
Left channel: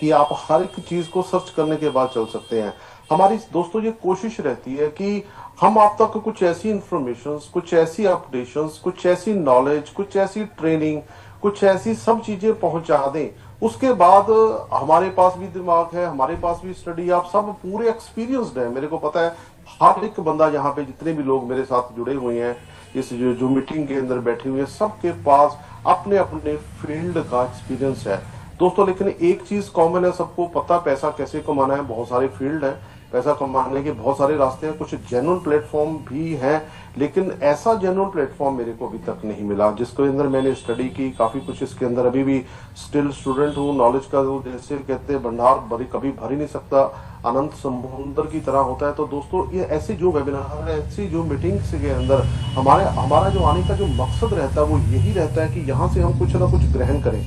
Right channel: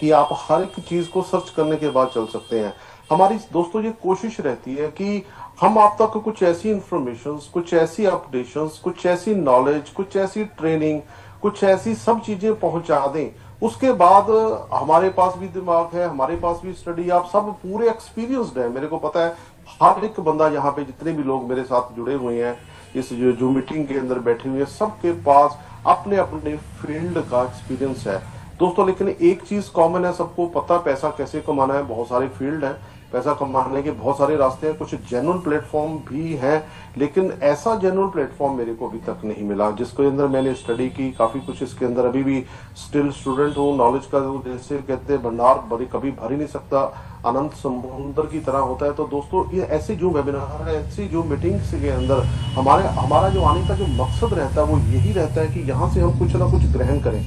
कि आप हर एक चीज को सर्च करने के बाद चल सकते हैं। हमारी दोस्तों ये कोशिश रहती है कि हम आप तक कुछ ऐसी इंफॉर्मेशन, कुछ ऐसी अपडेशंस, कुछ ऐसी नॉलेज, कुछ ऐसी ट्रेनिंग, कुछ ऐसी सब चीजें पहुंचा दें। उसके बाद हमारे पास भी दिमाग है, हमारे पास भी स्टडी, आप सब पूरे एक्सपीरियंस्ड है। मेरे को पता है हर एक बंदा यहाँ पे, जितने भी लोग मेरे साथ जुड़े हुए हैं इस जो मीटिंग के अंदर बैठे हुए हैं, सबके पास अपने अपने फील्ड का एक्सपीरियंस है दोस्तों। लेकिन एक चीज कॉमन है, सबको पता पैसा कैसे कमाना है। बहुत सारे फील्ड है, पैसा कमाने के बहुत सारे रास्ते हैं, कुछ जेन्युइन प्लेटफॉर्म भी हैं, लेकिन ऐसा जेन्युइन प्लेटफॉर्म मेरे को अभी तक नहीं मिला जिसके अंदर मैंने स्टडी की। काफी कुछ इसके अंदर अभी भी स्टिल स्टूडेंट हूँ। नॉलेज का जो जैसे कहते हैं भंडार कभी भर ही नहीं सकता, अनंत समुद्र की तरह होता है। तो दोस्तों ये ऐसी जो वेबिनार, ऐसी जो मीटिंग्स के अंदर हमारा जो आने का जो मकसद रहता है वो यही रहता है कि यहाँ से हम कुछ ना कुछ ग्रहण करें।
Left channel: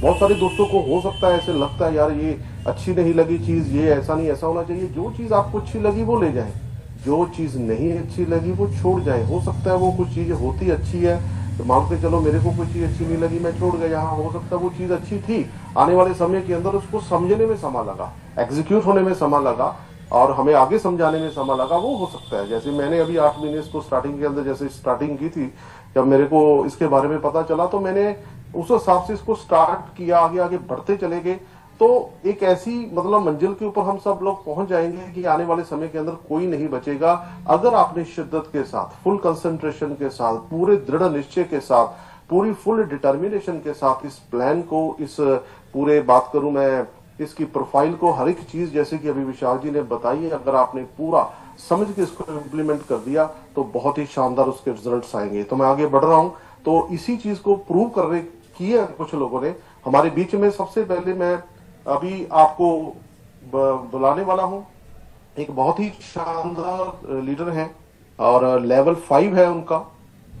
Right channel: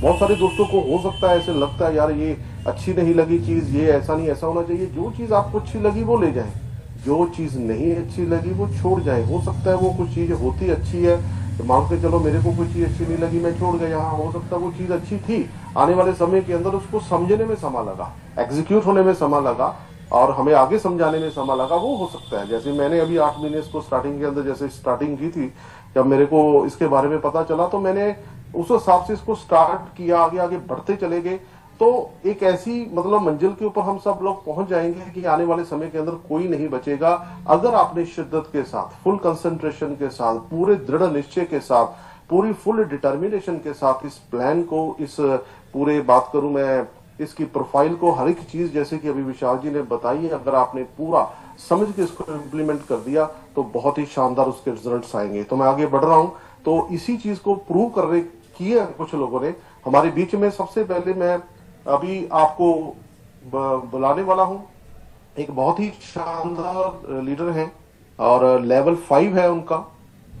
बहुत सारे दोस्तों को हो सकता है ऐसे लगता है यार ये अच्छी नहीं लगी चीज, ये ऐसा नहीं, ऐसा होना चाहिए। जो चीज आपको अच्छी लगी वो ले जाएं, जो चीज नहीं अच्छी लगी वो छोड़ जाएं। हो सकता है वो कुछ चीज होती अच्छी है, मान के चलो मेरे को कोई चीज अच्छी नहीं लगी, मैं छोड़ गया। यहाँ हो सकता है वो चीज अच्छी थी, आने वाले समय के अंदर उसको समझने में समय लगा, एग्जीक्यूट होने में समय लगा, और हमें आगे समझाने में समय लगा। वो हो सकता है जैसे मैंने अभी 8 महीने इसको स्टार्टिंग के अंदर जैसे स्टार्टिंग की थी, जब मेरे को इसके बारे में पता चला तो मैंने उस हिसाब से इसको स्टार्ट किया, आगे आगे बढ़ते चले गए। तो एक ऐसी मतलब मंजिल के ऊपर हम सब लोग पहुंच जाएंगे कि आने वाले समय के अंदर कोई नहीं बचेगा, अगर आपने शिद्दत के साथ, फुल कंसंट्रेशन के साथ, पूरे दृढ़ निश्चय के साथ, पूरी फुल डिटर्मिनेशन के साथ इस प्लान को, इस पूरे बात करूं मैं इसकी प्रोफाइल को, हर एक चीज जैसे कि अभी विशाल जी ने बताई है, अगर आपने पूरा समझ के इसको इम्प्लीमेंट कर दिया तो बहुत ही शानदार उसके रिजल्ट्स आएंगे। तो मैं आगे बढ़ रहा हूं, तो इसी चीज को प्रूव करने किए कुछ लोगों ने हमारे बीच में। सबसे पहले मैं अभी आपको बुलाने वाला हूं, एक बहुत ही शानदार लीडर है और लेवल 5 है उनका।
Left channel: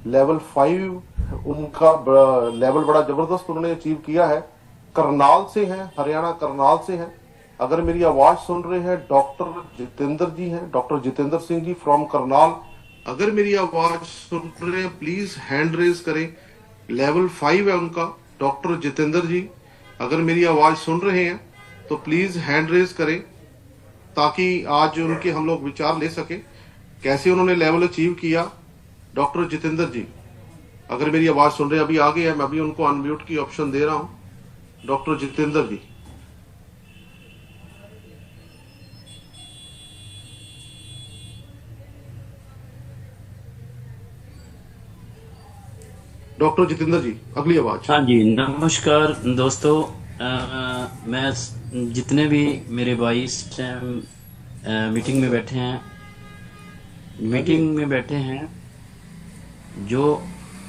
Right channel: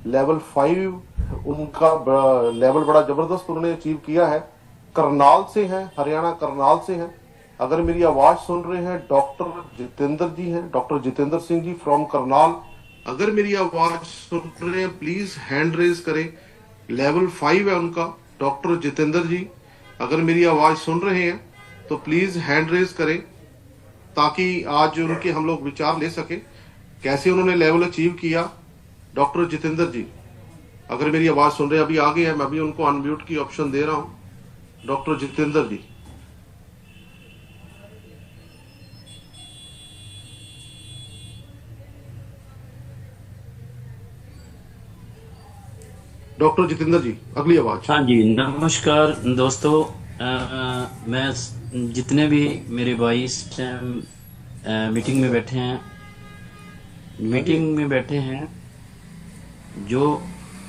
लेवल 5 उनका लेवल बड़ा जबरदस्त उन्होंने अचीव किया है। करनाल से है, हरियाणा करनाल से है। अगर मेरी आवाज सुन रहे हैं, डॉक्टर जितेंद्र जी हैं, डॉक्टर जितेंद्र सिंह जी फ्रॉम करनाल। अगर मेरी आवाज सुन रहे हैं प्लीज हैंड रेज करें। लेवल 5 है उनका, डॉक्टर जितेंद्र जी। अगर मेरी आवाज सुन रहे हैं तो प्लीज हैंड रेज करें ताकि आज उनके हम लोग विचार ले सके कैसे उन्होंने लेवल अचीव किया। डॉक्टर जितेंद्र जी अगर मेरी आवाज सुन रहे हैं, अभी आगे है, मैं अभी उनको अनम्यूट की ऑप्शन दे रहा हूं। डॉक्टर जितेंद्र जी। डॉक्टर जितेंद्र जी अगली आवाज। हाँ जी, नमस्कार दोस्तों। मैं जितने भी मेरे भाई इस टाइम मीटिंग में बैठे हैं, जो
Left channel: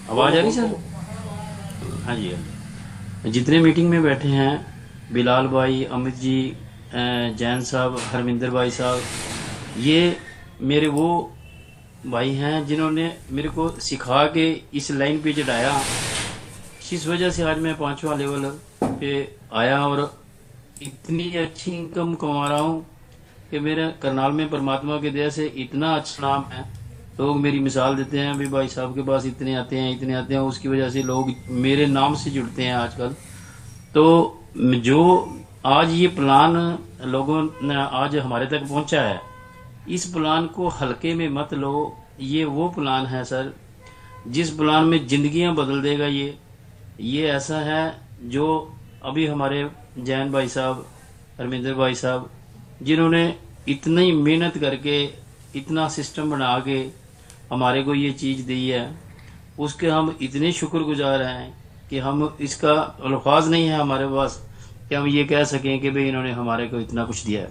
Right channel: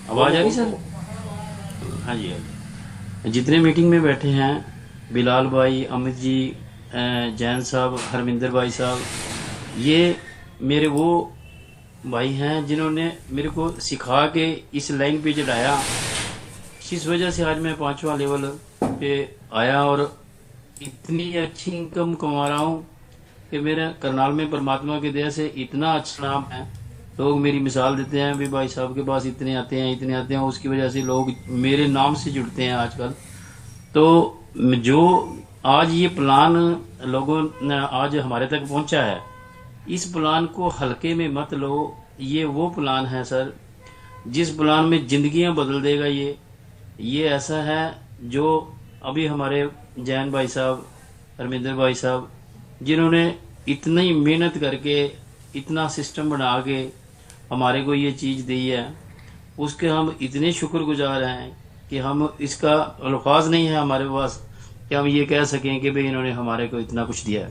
आवाज आ रही सर? हाँ जी, हाँ जी। जितने मीटिंग में बैठे हैं, बिलाल भाई, अमित जी, जैन साहब, हरमिंदर भाई साहब, ये मेरे वो भाई हैं जिन्होंने मेरे को सिखा के इस लाइन पे चढ़ाया। इस वजह से आज मैं 5वां लेवल पे आया और इतनी अच्छी इनकम कमा रहा हूँ कि मेरे करनाल में परमात्मा की दया से इतना अच्छा नाम है। लोग मेरी मिसाल देते हैं, भी भाई साहब के पास इतने आते हैं, इतने आते हैं। उसकी वजह से लोग मेरे नाम से जुड़ते हैं आजकल। तो जो आज ये प्लान लोगों ने आज हमारे तक पहुंचा है, इस प्लान को हल्के में मत लो। ये वो प्लान है सर जिस प्लान में जिंदगियां बदल देगा। ये ऐसा है जो अभी हमारे जैन भाई साहब, हरमिंदर भाई साहब, जिन्होंने इतनी मेहनत करके इतना सिस्टम बना के हमारे को ये चीज दी है, उसके हम इतने शुक्रगुजार हैं कि हम इसका अल्फाज नहीं है हमारे पास कि हम ये कह सकें कि भाई इन्होंने हमारे को इतना कुछ दिया है।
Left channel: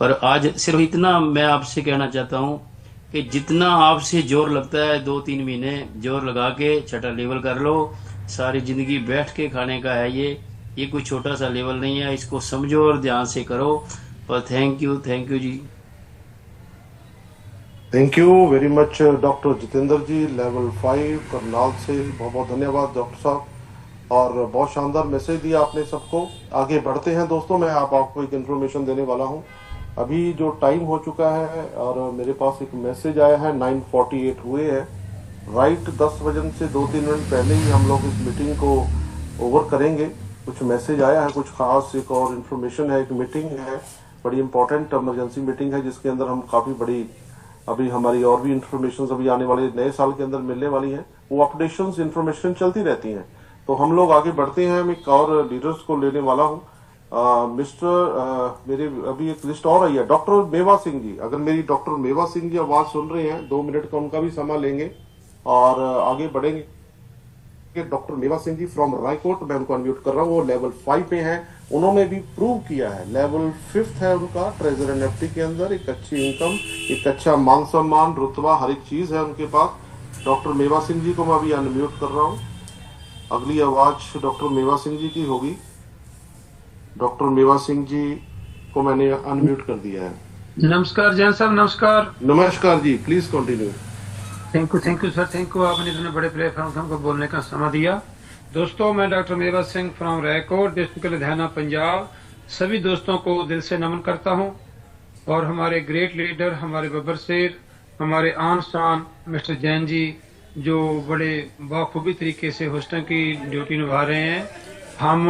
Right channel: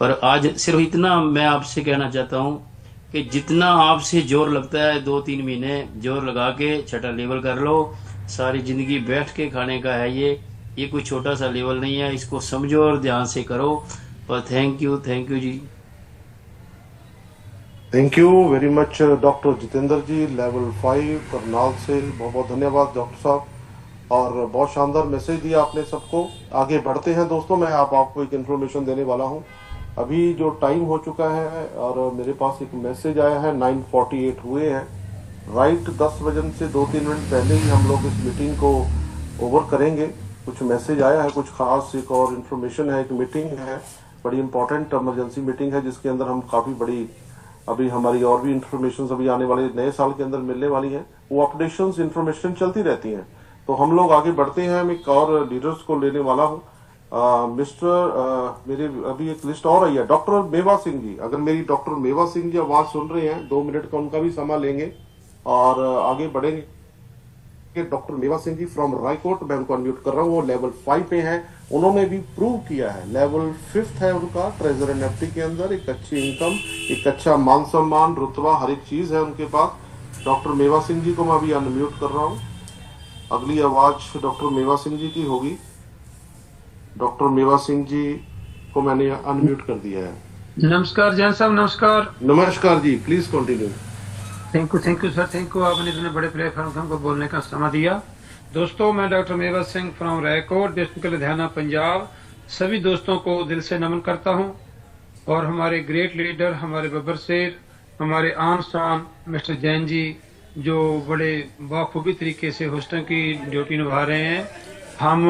पर आज सिर्फ इतना मैं आपसे कहना चाहता हूँ कि जितना आपसे जोर लगता है, 2-3 महीने जोर लगा के छठा लेवल कर लो। सारी जिंदगी बैठ के खाने का है ये कोई छोटा सा लेवल नहीं है। इसको समझो और ध्यान से करो। पर thank you ji. Thank you very much doctor Jitendra ji, level 5 Karnal से। बहुत बहुत धन्यवाद डॉक्टर साहब, और बहुत शानदार मैसेज दिया आपने सबको। आगे बढ़ते हैं दोस्तों, मैं आपको एक इन्फॉर्मेशन देने वाला हूं। अभी जो टाइम हो चुका है और मेरे पास एक मैसेज आया है, 9:48 हुए हैं। राइट 10 बजन से 2-3 मिनट पहले ही हम लोग इस मीटिंग को ओवर करेंगे। कुछ मैसेज आया है, कुछ खास एक और इन्फॉर्मेशन है, एक मीटिंग है, बड़ी इंपॉर्टेंट इमरजेंसी मीटिंग है, जिसके अंदर हम काफी बड़ी अभी हमारी और भी इंफॉर्मेशन अभी आने वाले नए साल के अंदर मिलने वाली हैं। वो अपडेशंस इंफॉर्मेशन चलती रहती हैं। तो हम लोग आगे बढ़ते हैं। मैं एक और लीडर्स को लेने वाला हूँ। मेरे अभी एक लिस्ट और आई है, डॉक्टर मेवा सिंह जी। अगर मेरी डॉक्टर मेवा सिंह जी आवाज सुन रहे हैं, 2 मिनट का उनका भी समय लेंगे और आगे बढ़ेंगे। डॉक्टर मेवा सिंह जी फ्रॉम रायकोट, मैं उनको अनम्यूट कर रहा हूँ। वो लेवल 5 पे हैं। उन्होंने भी प्रूव किया है, लेवल 5 है उनका ट्रेजर एनएफटी के अंदर। एक अच्छी इनकम, एक अच्छा मान सम्मान, रुतबा, हर एक चीज है उनके पास। डॉक्टर मेवा सिंह जी को मैं अभी अनम्यूट कर रहा हूँ। अगली आवाज डॉक्टर मेवा सिंह जी की होगी। डॉक्टर मेवा सिंह जी को मैंने अनम्यूट कर दिया है। नमस्कार जैन साहब, नमस्कार। नमस्कार जी, please continue. Thank you sir, thank you. आपने इतने बड़े प्लेटफॉर्म को हमको बोलने का समय दिया। दोस्तों, मैं doctor Mewa Singh from Raikot, district Ludhiana, Punjab, सभी दोस्तों को दिल से नमन करता हूं। और हमारे ग्रेट लीडर, हमारे बब्बर शेर, हमारे आन शान मिस्टर जैन जी, जो बड़े बाखूबी तरीके से होस्टों की ड्यूटी निभा रहे हैं, हम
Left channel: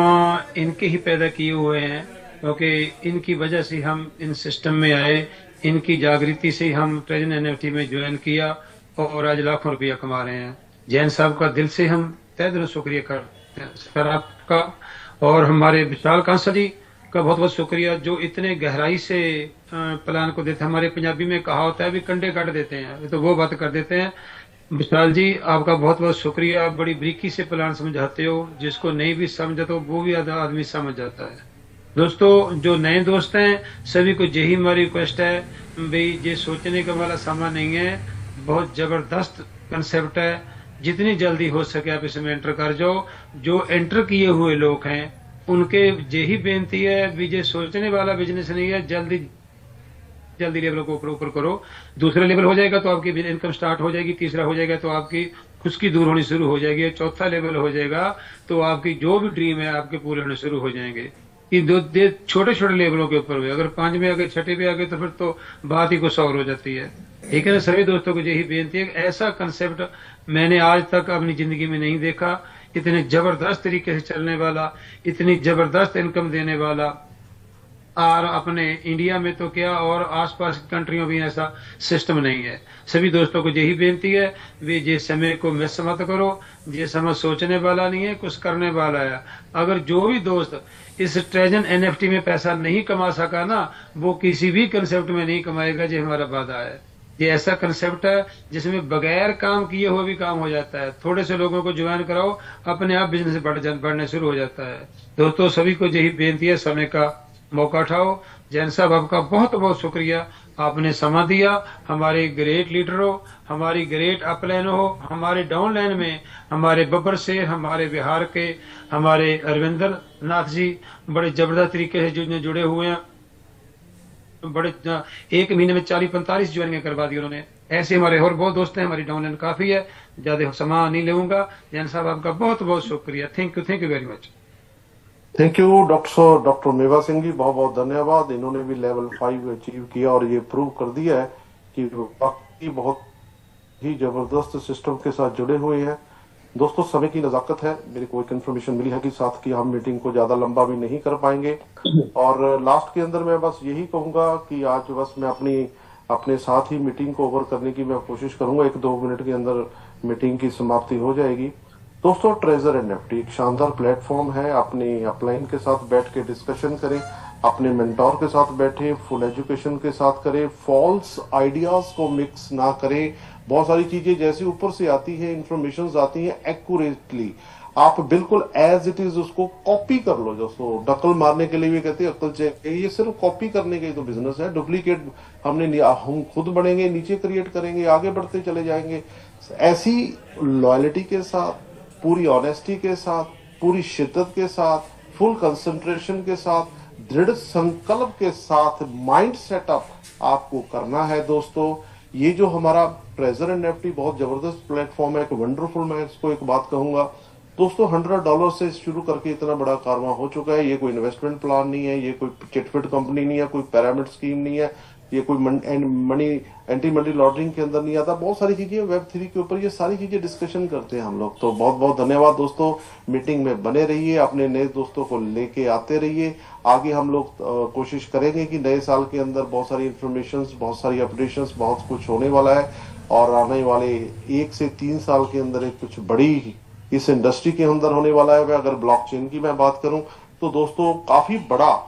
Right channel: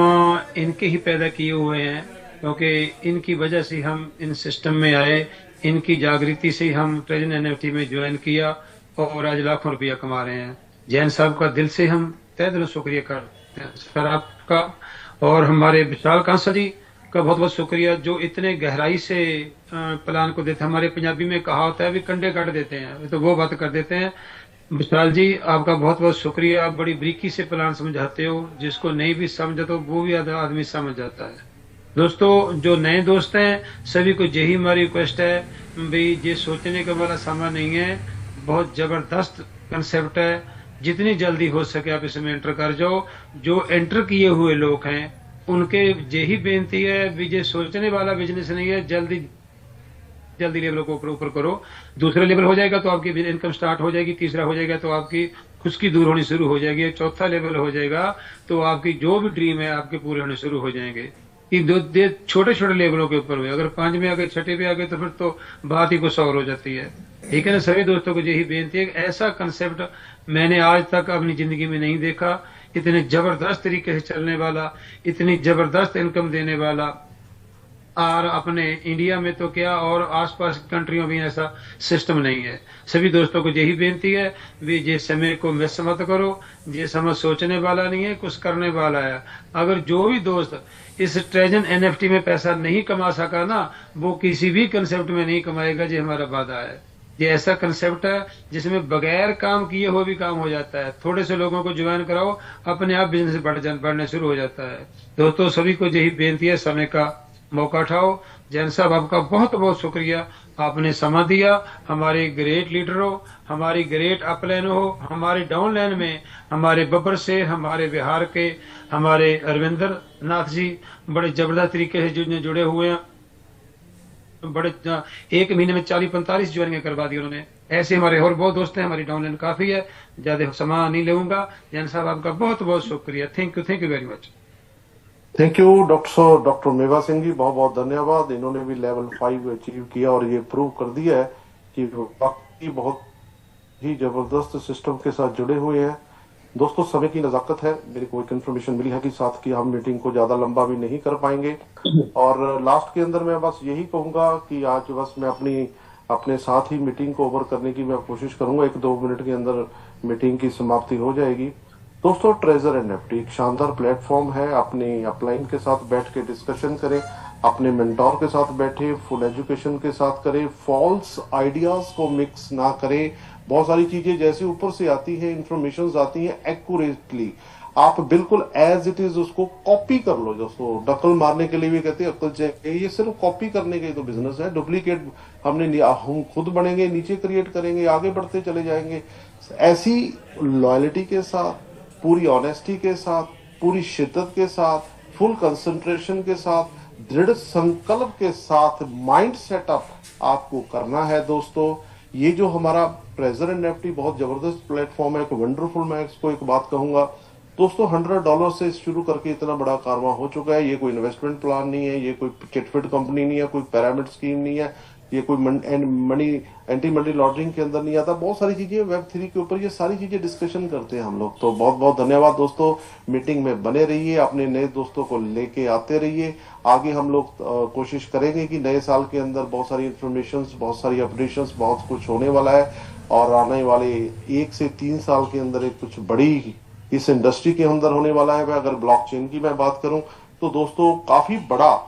इनके ही पैदा किए हुए हैं, क्योंकि इनकी वजह से हम इन सिस्टम में आए, इनकी जागृति से हम ट्रेजर एनएफटी में ज्वाइन किया और आज लाखों रुपया कमा रहे हैं। जैन साहब का दिल से हम तहे दिल शुक्रिया करते हैं सर आपका। और हमारे विशाल कांसल जी का बहुत बहुत शुक्रिया, जो इतने गहराई से प्लान को देते हैं। हमारे पंजाबी में कहा होता है भी कंडे काट देते हैं, तो वो बात कर देते हैं। विशाल जी, आपका बहुत बहुत शुक्रिया। आप बड़ी बारीकी से प्लान समझाते हो, जिसको नहीं भी समझा तो वो भी आधा आदमी समझ जाता है। दोस्तों, जो नए दोस्त हैं, सभी को यही हमारी रिक्वेस्ट है भाई, ये सोचने का वाला समय नहीं है, बहुत जबरदस्त कंसेप्ट है। जितनी जल्दी हो सके आप इसमें एंटर कर जाओ। जो एंटर किए हुए लोग हैं उनके यही बेनती है भी, ये सोचने वाला बिजनेस नहीं है, जल्दी जल्दी लेवल को ऊपर ऊपर करो। दूसरा लेवल हो जाएगा तो आपकी इनकम स्टार्ट हो जाएगी, तीसरा हो जाएगा तो आपकी खुशकी दूर होनी शुरू हो जाएगी, चौथा लेवल हो जाएगा तो आपकी जो भी ड्रीम है आपके पूरे होने शुरू हो जाएंगे। कि दो छोटे छोटे लेवलों के ऊपर हुए, अगर 5 में आ गए, 6 पे आ गए, तो फिर तो बात ही कुछ और हो जाती है। ठीक है ना। सभी दोस्तों को यही बेनती है कि ऐसा कंसेप्ट मैंने आज तक अपनी जिंदगी में नहीं देखा, इतने जबरदस्त तरीके से चलने वाला, इतनी जबरदस्त इनकम देने वाला। और अपने इंडिया में तो क्या, और आसपास की कंट्रियों में ऐसा सिस्टम नहीं है। सभी दोस्तों को यही बेनती है भी, ये समय को मिस मत करो। ये समय सोचने वाला नहीं है, कुछ करने वाला है। अगर जो भी दोस्त इस ट्रेजर एनएफटी में पैसा नहीं कमा सका ना, वो किसी भी कंसेप्ट में नहीं कमाएगा। ये हमारा वादा है। ये ऐसा कंसेप्ट है जिसमें बगैर काम किए हुए भी काम हो जाता है। थोड़े से लोगों को ज्वाइन कराओ, अपने आप बिजनेस बढ़ने शुरू हो जाता है। दोस्तों, सभी को यही बेनती है, समय का मौका उठाओ। जैन साहब, आपका बहुत बहुत शुक्रिया, आपने समय दिया। हमारे ग्रेट लीडर हो, हमारी ग्रेट अपलाइन हो, हमारे डाउन लाइन में हमारे बब्बर शेर, हमारे बिहार के हमारे अरविंदर नाथ जी बड़े जबरदस्त तरीके से जुड़े हुए हैं। बड़े 1 महीने में 40-45 ज्वाइनिंग करवा दी उन्होंने। ऐसे हमारे और बहुत दोस्त हैं। हमारी डाउनलाइन काफी है, ज्यादा समय नहीं लूंगा। जैन साहब, आपका बहुत बहुत शुक्रिया। Thank you very much. Thank you doctor Mewa Singh जी, बहुत बहुत धन्यवाद। इन्होंने भी लेवल 5 अचीव किया और ये प्रूव कर दिया है कि वाकई बहुत ही जबरदस्त सिस्टम के साथ जुड़े हुए हैं। दोस्तों, समय की नजाकत है। मेरे को एक इन्फॉर्मेशन मिली है कि साथ की हम मीटिंग को ज्यादा लंबा भी नहीं कर पाएंगे। और लास्ट के अंदर मैं बस यही कहूंगा कि आज बस मैं अपने साथ ही मीटिंग को ओवर करने की मैं कोशिश करूंगा। 1-2 मिनट के अंदर मीटिंग की समाप्ति हो जाएगी। दोस्तों, ट्रेजर एनएफटी एक शानदार प्लेटफॉर्म है। अपने अपलाइन के साथ बैठ के डिस्कशन करें, अपने मेंटोर के साथ बैठे, फुल एजुकेशन के साथ करें, फॉल्स आइडियाज को मिक्स ना करें। बहुत सारी चीजें जैसे ऊपर से आती है, इंफॉर्मेशन आती है, एक्यूरेटली आप बिल्कुल एज इट इज उसको कॉपी कर लो। दोस्तों, नकल मारने के लिए भी कहते हैं अक्ल चाहिए, ये सिर्फ कॉपी करने का ही तो बिजनेस है। डुप्लीकेट हम खुद बनेंगे, नीचे क्रिएट करेंगे, आगे बढ़ते चले जाएंगे। ऐसी लॉयल्टी के साथ, पूरी ऑनेस्टी के साथ, पूरी शिद्दत के साथ, फुल कंसंट्रेशन के साथ, दृढ़ संकल्प के साथ माइंड सेटअप आपको करना है। दोस्तों, ये जो हमारा ट्रेजर एनएफटी बहुत जबरदस्त प्लेटफॉर्म है, एक वंडरफुल, मैं इसको एक बात कहूंगा दोस्तों, $100 से शुरू करके इतना बड़ा कारवां हो चुका है। ये कोई इन्वेस्टमेंट प्लान नहीं है, ये कोई चिटफिट कंपनी नहीं है, कोई पिरामिड स्कीम नहीं है। ये कोई मनी एंटी मनी लॉन्ड्रिंग के अंदर नहीं आता। बहुत सारी चीजें Web3 के ऊपर, ये सारी चीजें डिस्कशन करते हैं हम लोग। तो बहुत बहुत धन्यवाद दोस्तों, मीटिंग में बने रहिए, अपने नए दोस्तों को लेके आते रहिए। आगे हम लोग कोशिश करेंगे कि नए साल के अंदर बहुत सारी इंफॉर्मेशन, बहुत सारी अपडेशंस, बहुत कुछ होने वाला है। और आने वाले 1 से 3 साल के अंदर एक कुछ बड़ी इस इंडस्ट्री के अंदर होने वाला है। अगर ब्लॉकचेन की मैं बात करूं तो दोस्तों काफी बड़ा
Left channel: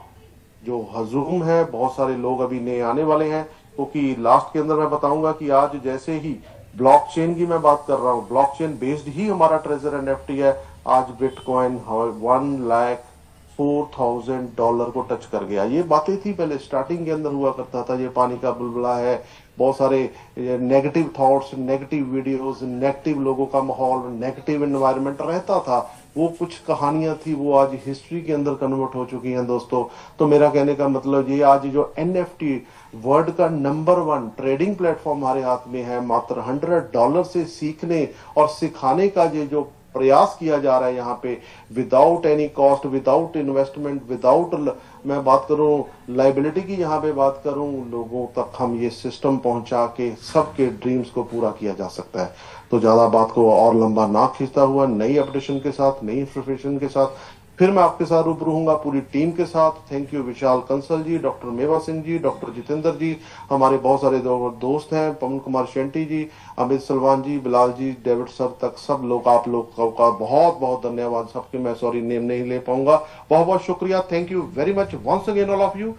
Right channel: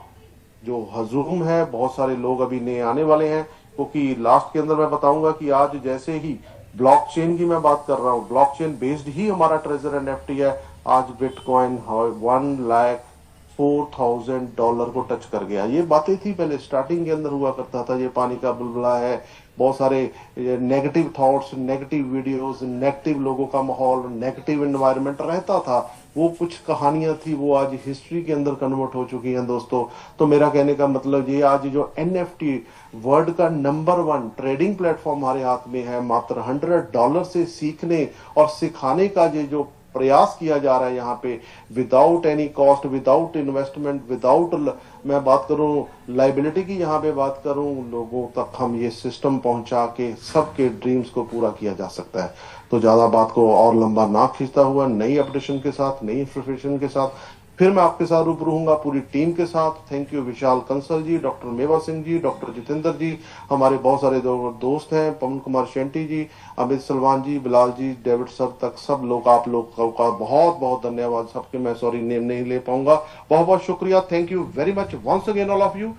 जो हजूम है, बहुत सारे लोग अभी नए आने वाले हैं। क्योंकि लास्ट के अंदर मैं बताऊंगा कि आज जैसे ही ब्लॉकचेन की मैं बात कर रहा हूँ, ब्लॉकचेन बेस्ड ही हमारा ट्रेजर NFT है। आज बिटकॉइन $1,04,000 को टच कर गया। ये बातें थी पहले स्टार्टिंग के अंदर हुआ करता था, ये पानी का बुलबुला है, बहुत सारे negative thoughts, negative videos, negative लोगों का माहौल, नेगेटिव एनवायरनमेंट रहता था। वो कुछ कहानियां थी, वो आज हिस्ट्री के अंदर कन्वर्ट हो चुकी हैं दोस्तों। तो मेरा कहने का मतलब ये, आज जो NFT वर्ल्ड का नंबर 1 ट्रेडिंग प्लेटफॉर्म हमारे हाथ में है, मात्र $100 से सीखने और सिखाने का ये जो प्रयास किया जा रहा है यहाँ पे, without any cost, without investment, without, मैं बात करूं लाइबिलिटी की, यहाँ पे बात करूं, लोगों तक हम ये सिस्टम पहुंचा के सबके ड्रीम्स को पूरा किया जा सकता है। तो ज्यादा बात को और लंबा ना खींचता हुआ, नई अपडेशन के साथ, नई इंफॉर्मेशन के साथ फिर मैं आपके साथ रूबरू हूंगा पूरी टीम के साथ। Thank you Vishal Kansal ji, doctor Mewa Singh ji, doctor Jitendra ji, हमारे बहुत सारे दोस्त हैं, पवन कुमार शेंटी जी, अमित सलमान जी, बिलाल जी, डेविड सर तक सब लोग, आप लोग का बहुत बहुत धन्यवाद। सबके मैं सॉरी नेम नहीं ले पाऊंगा, बहुत बहुत शुक्रिया। Thank you very much once again all of you.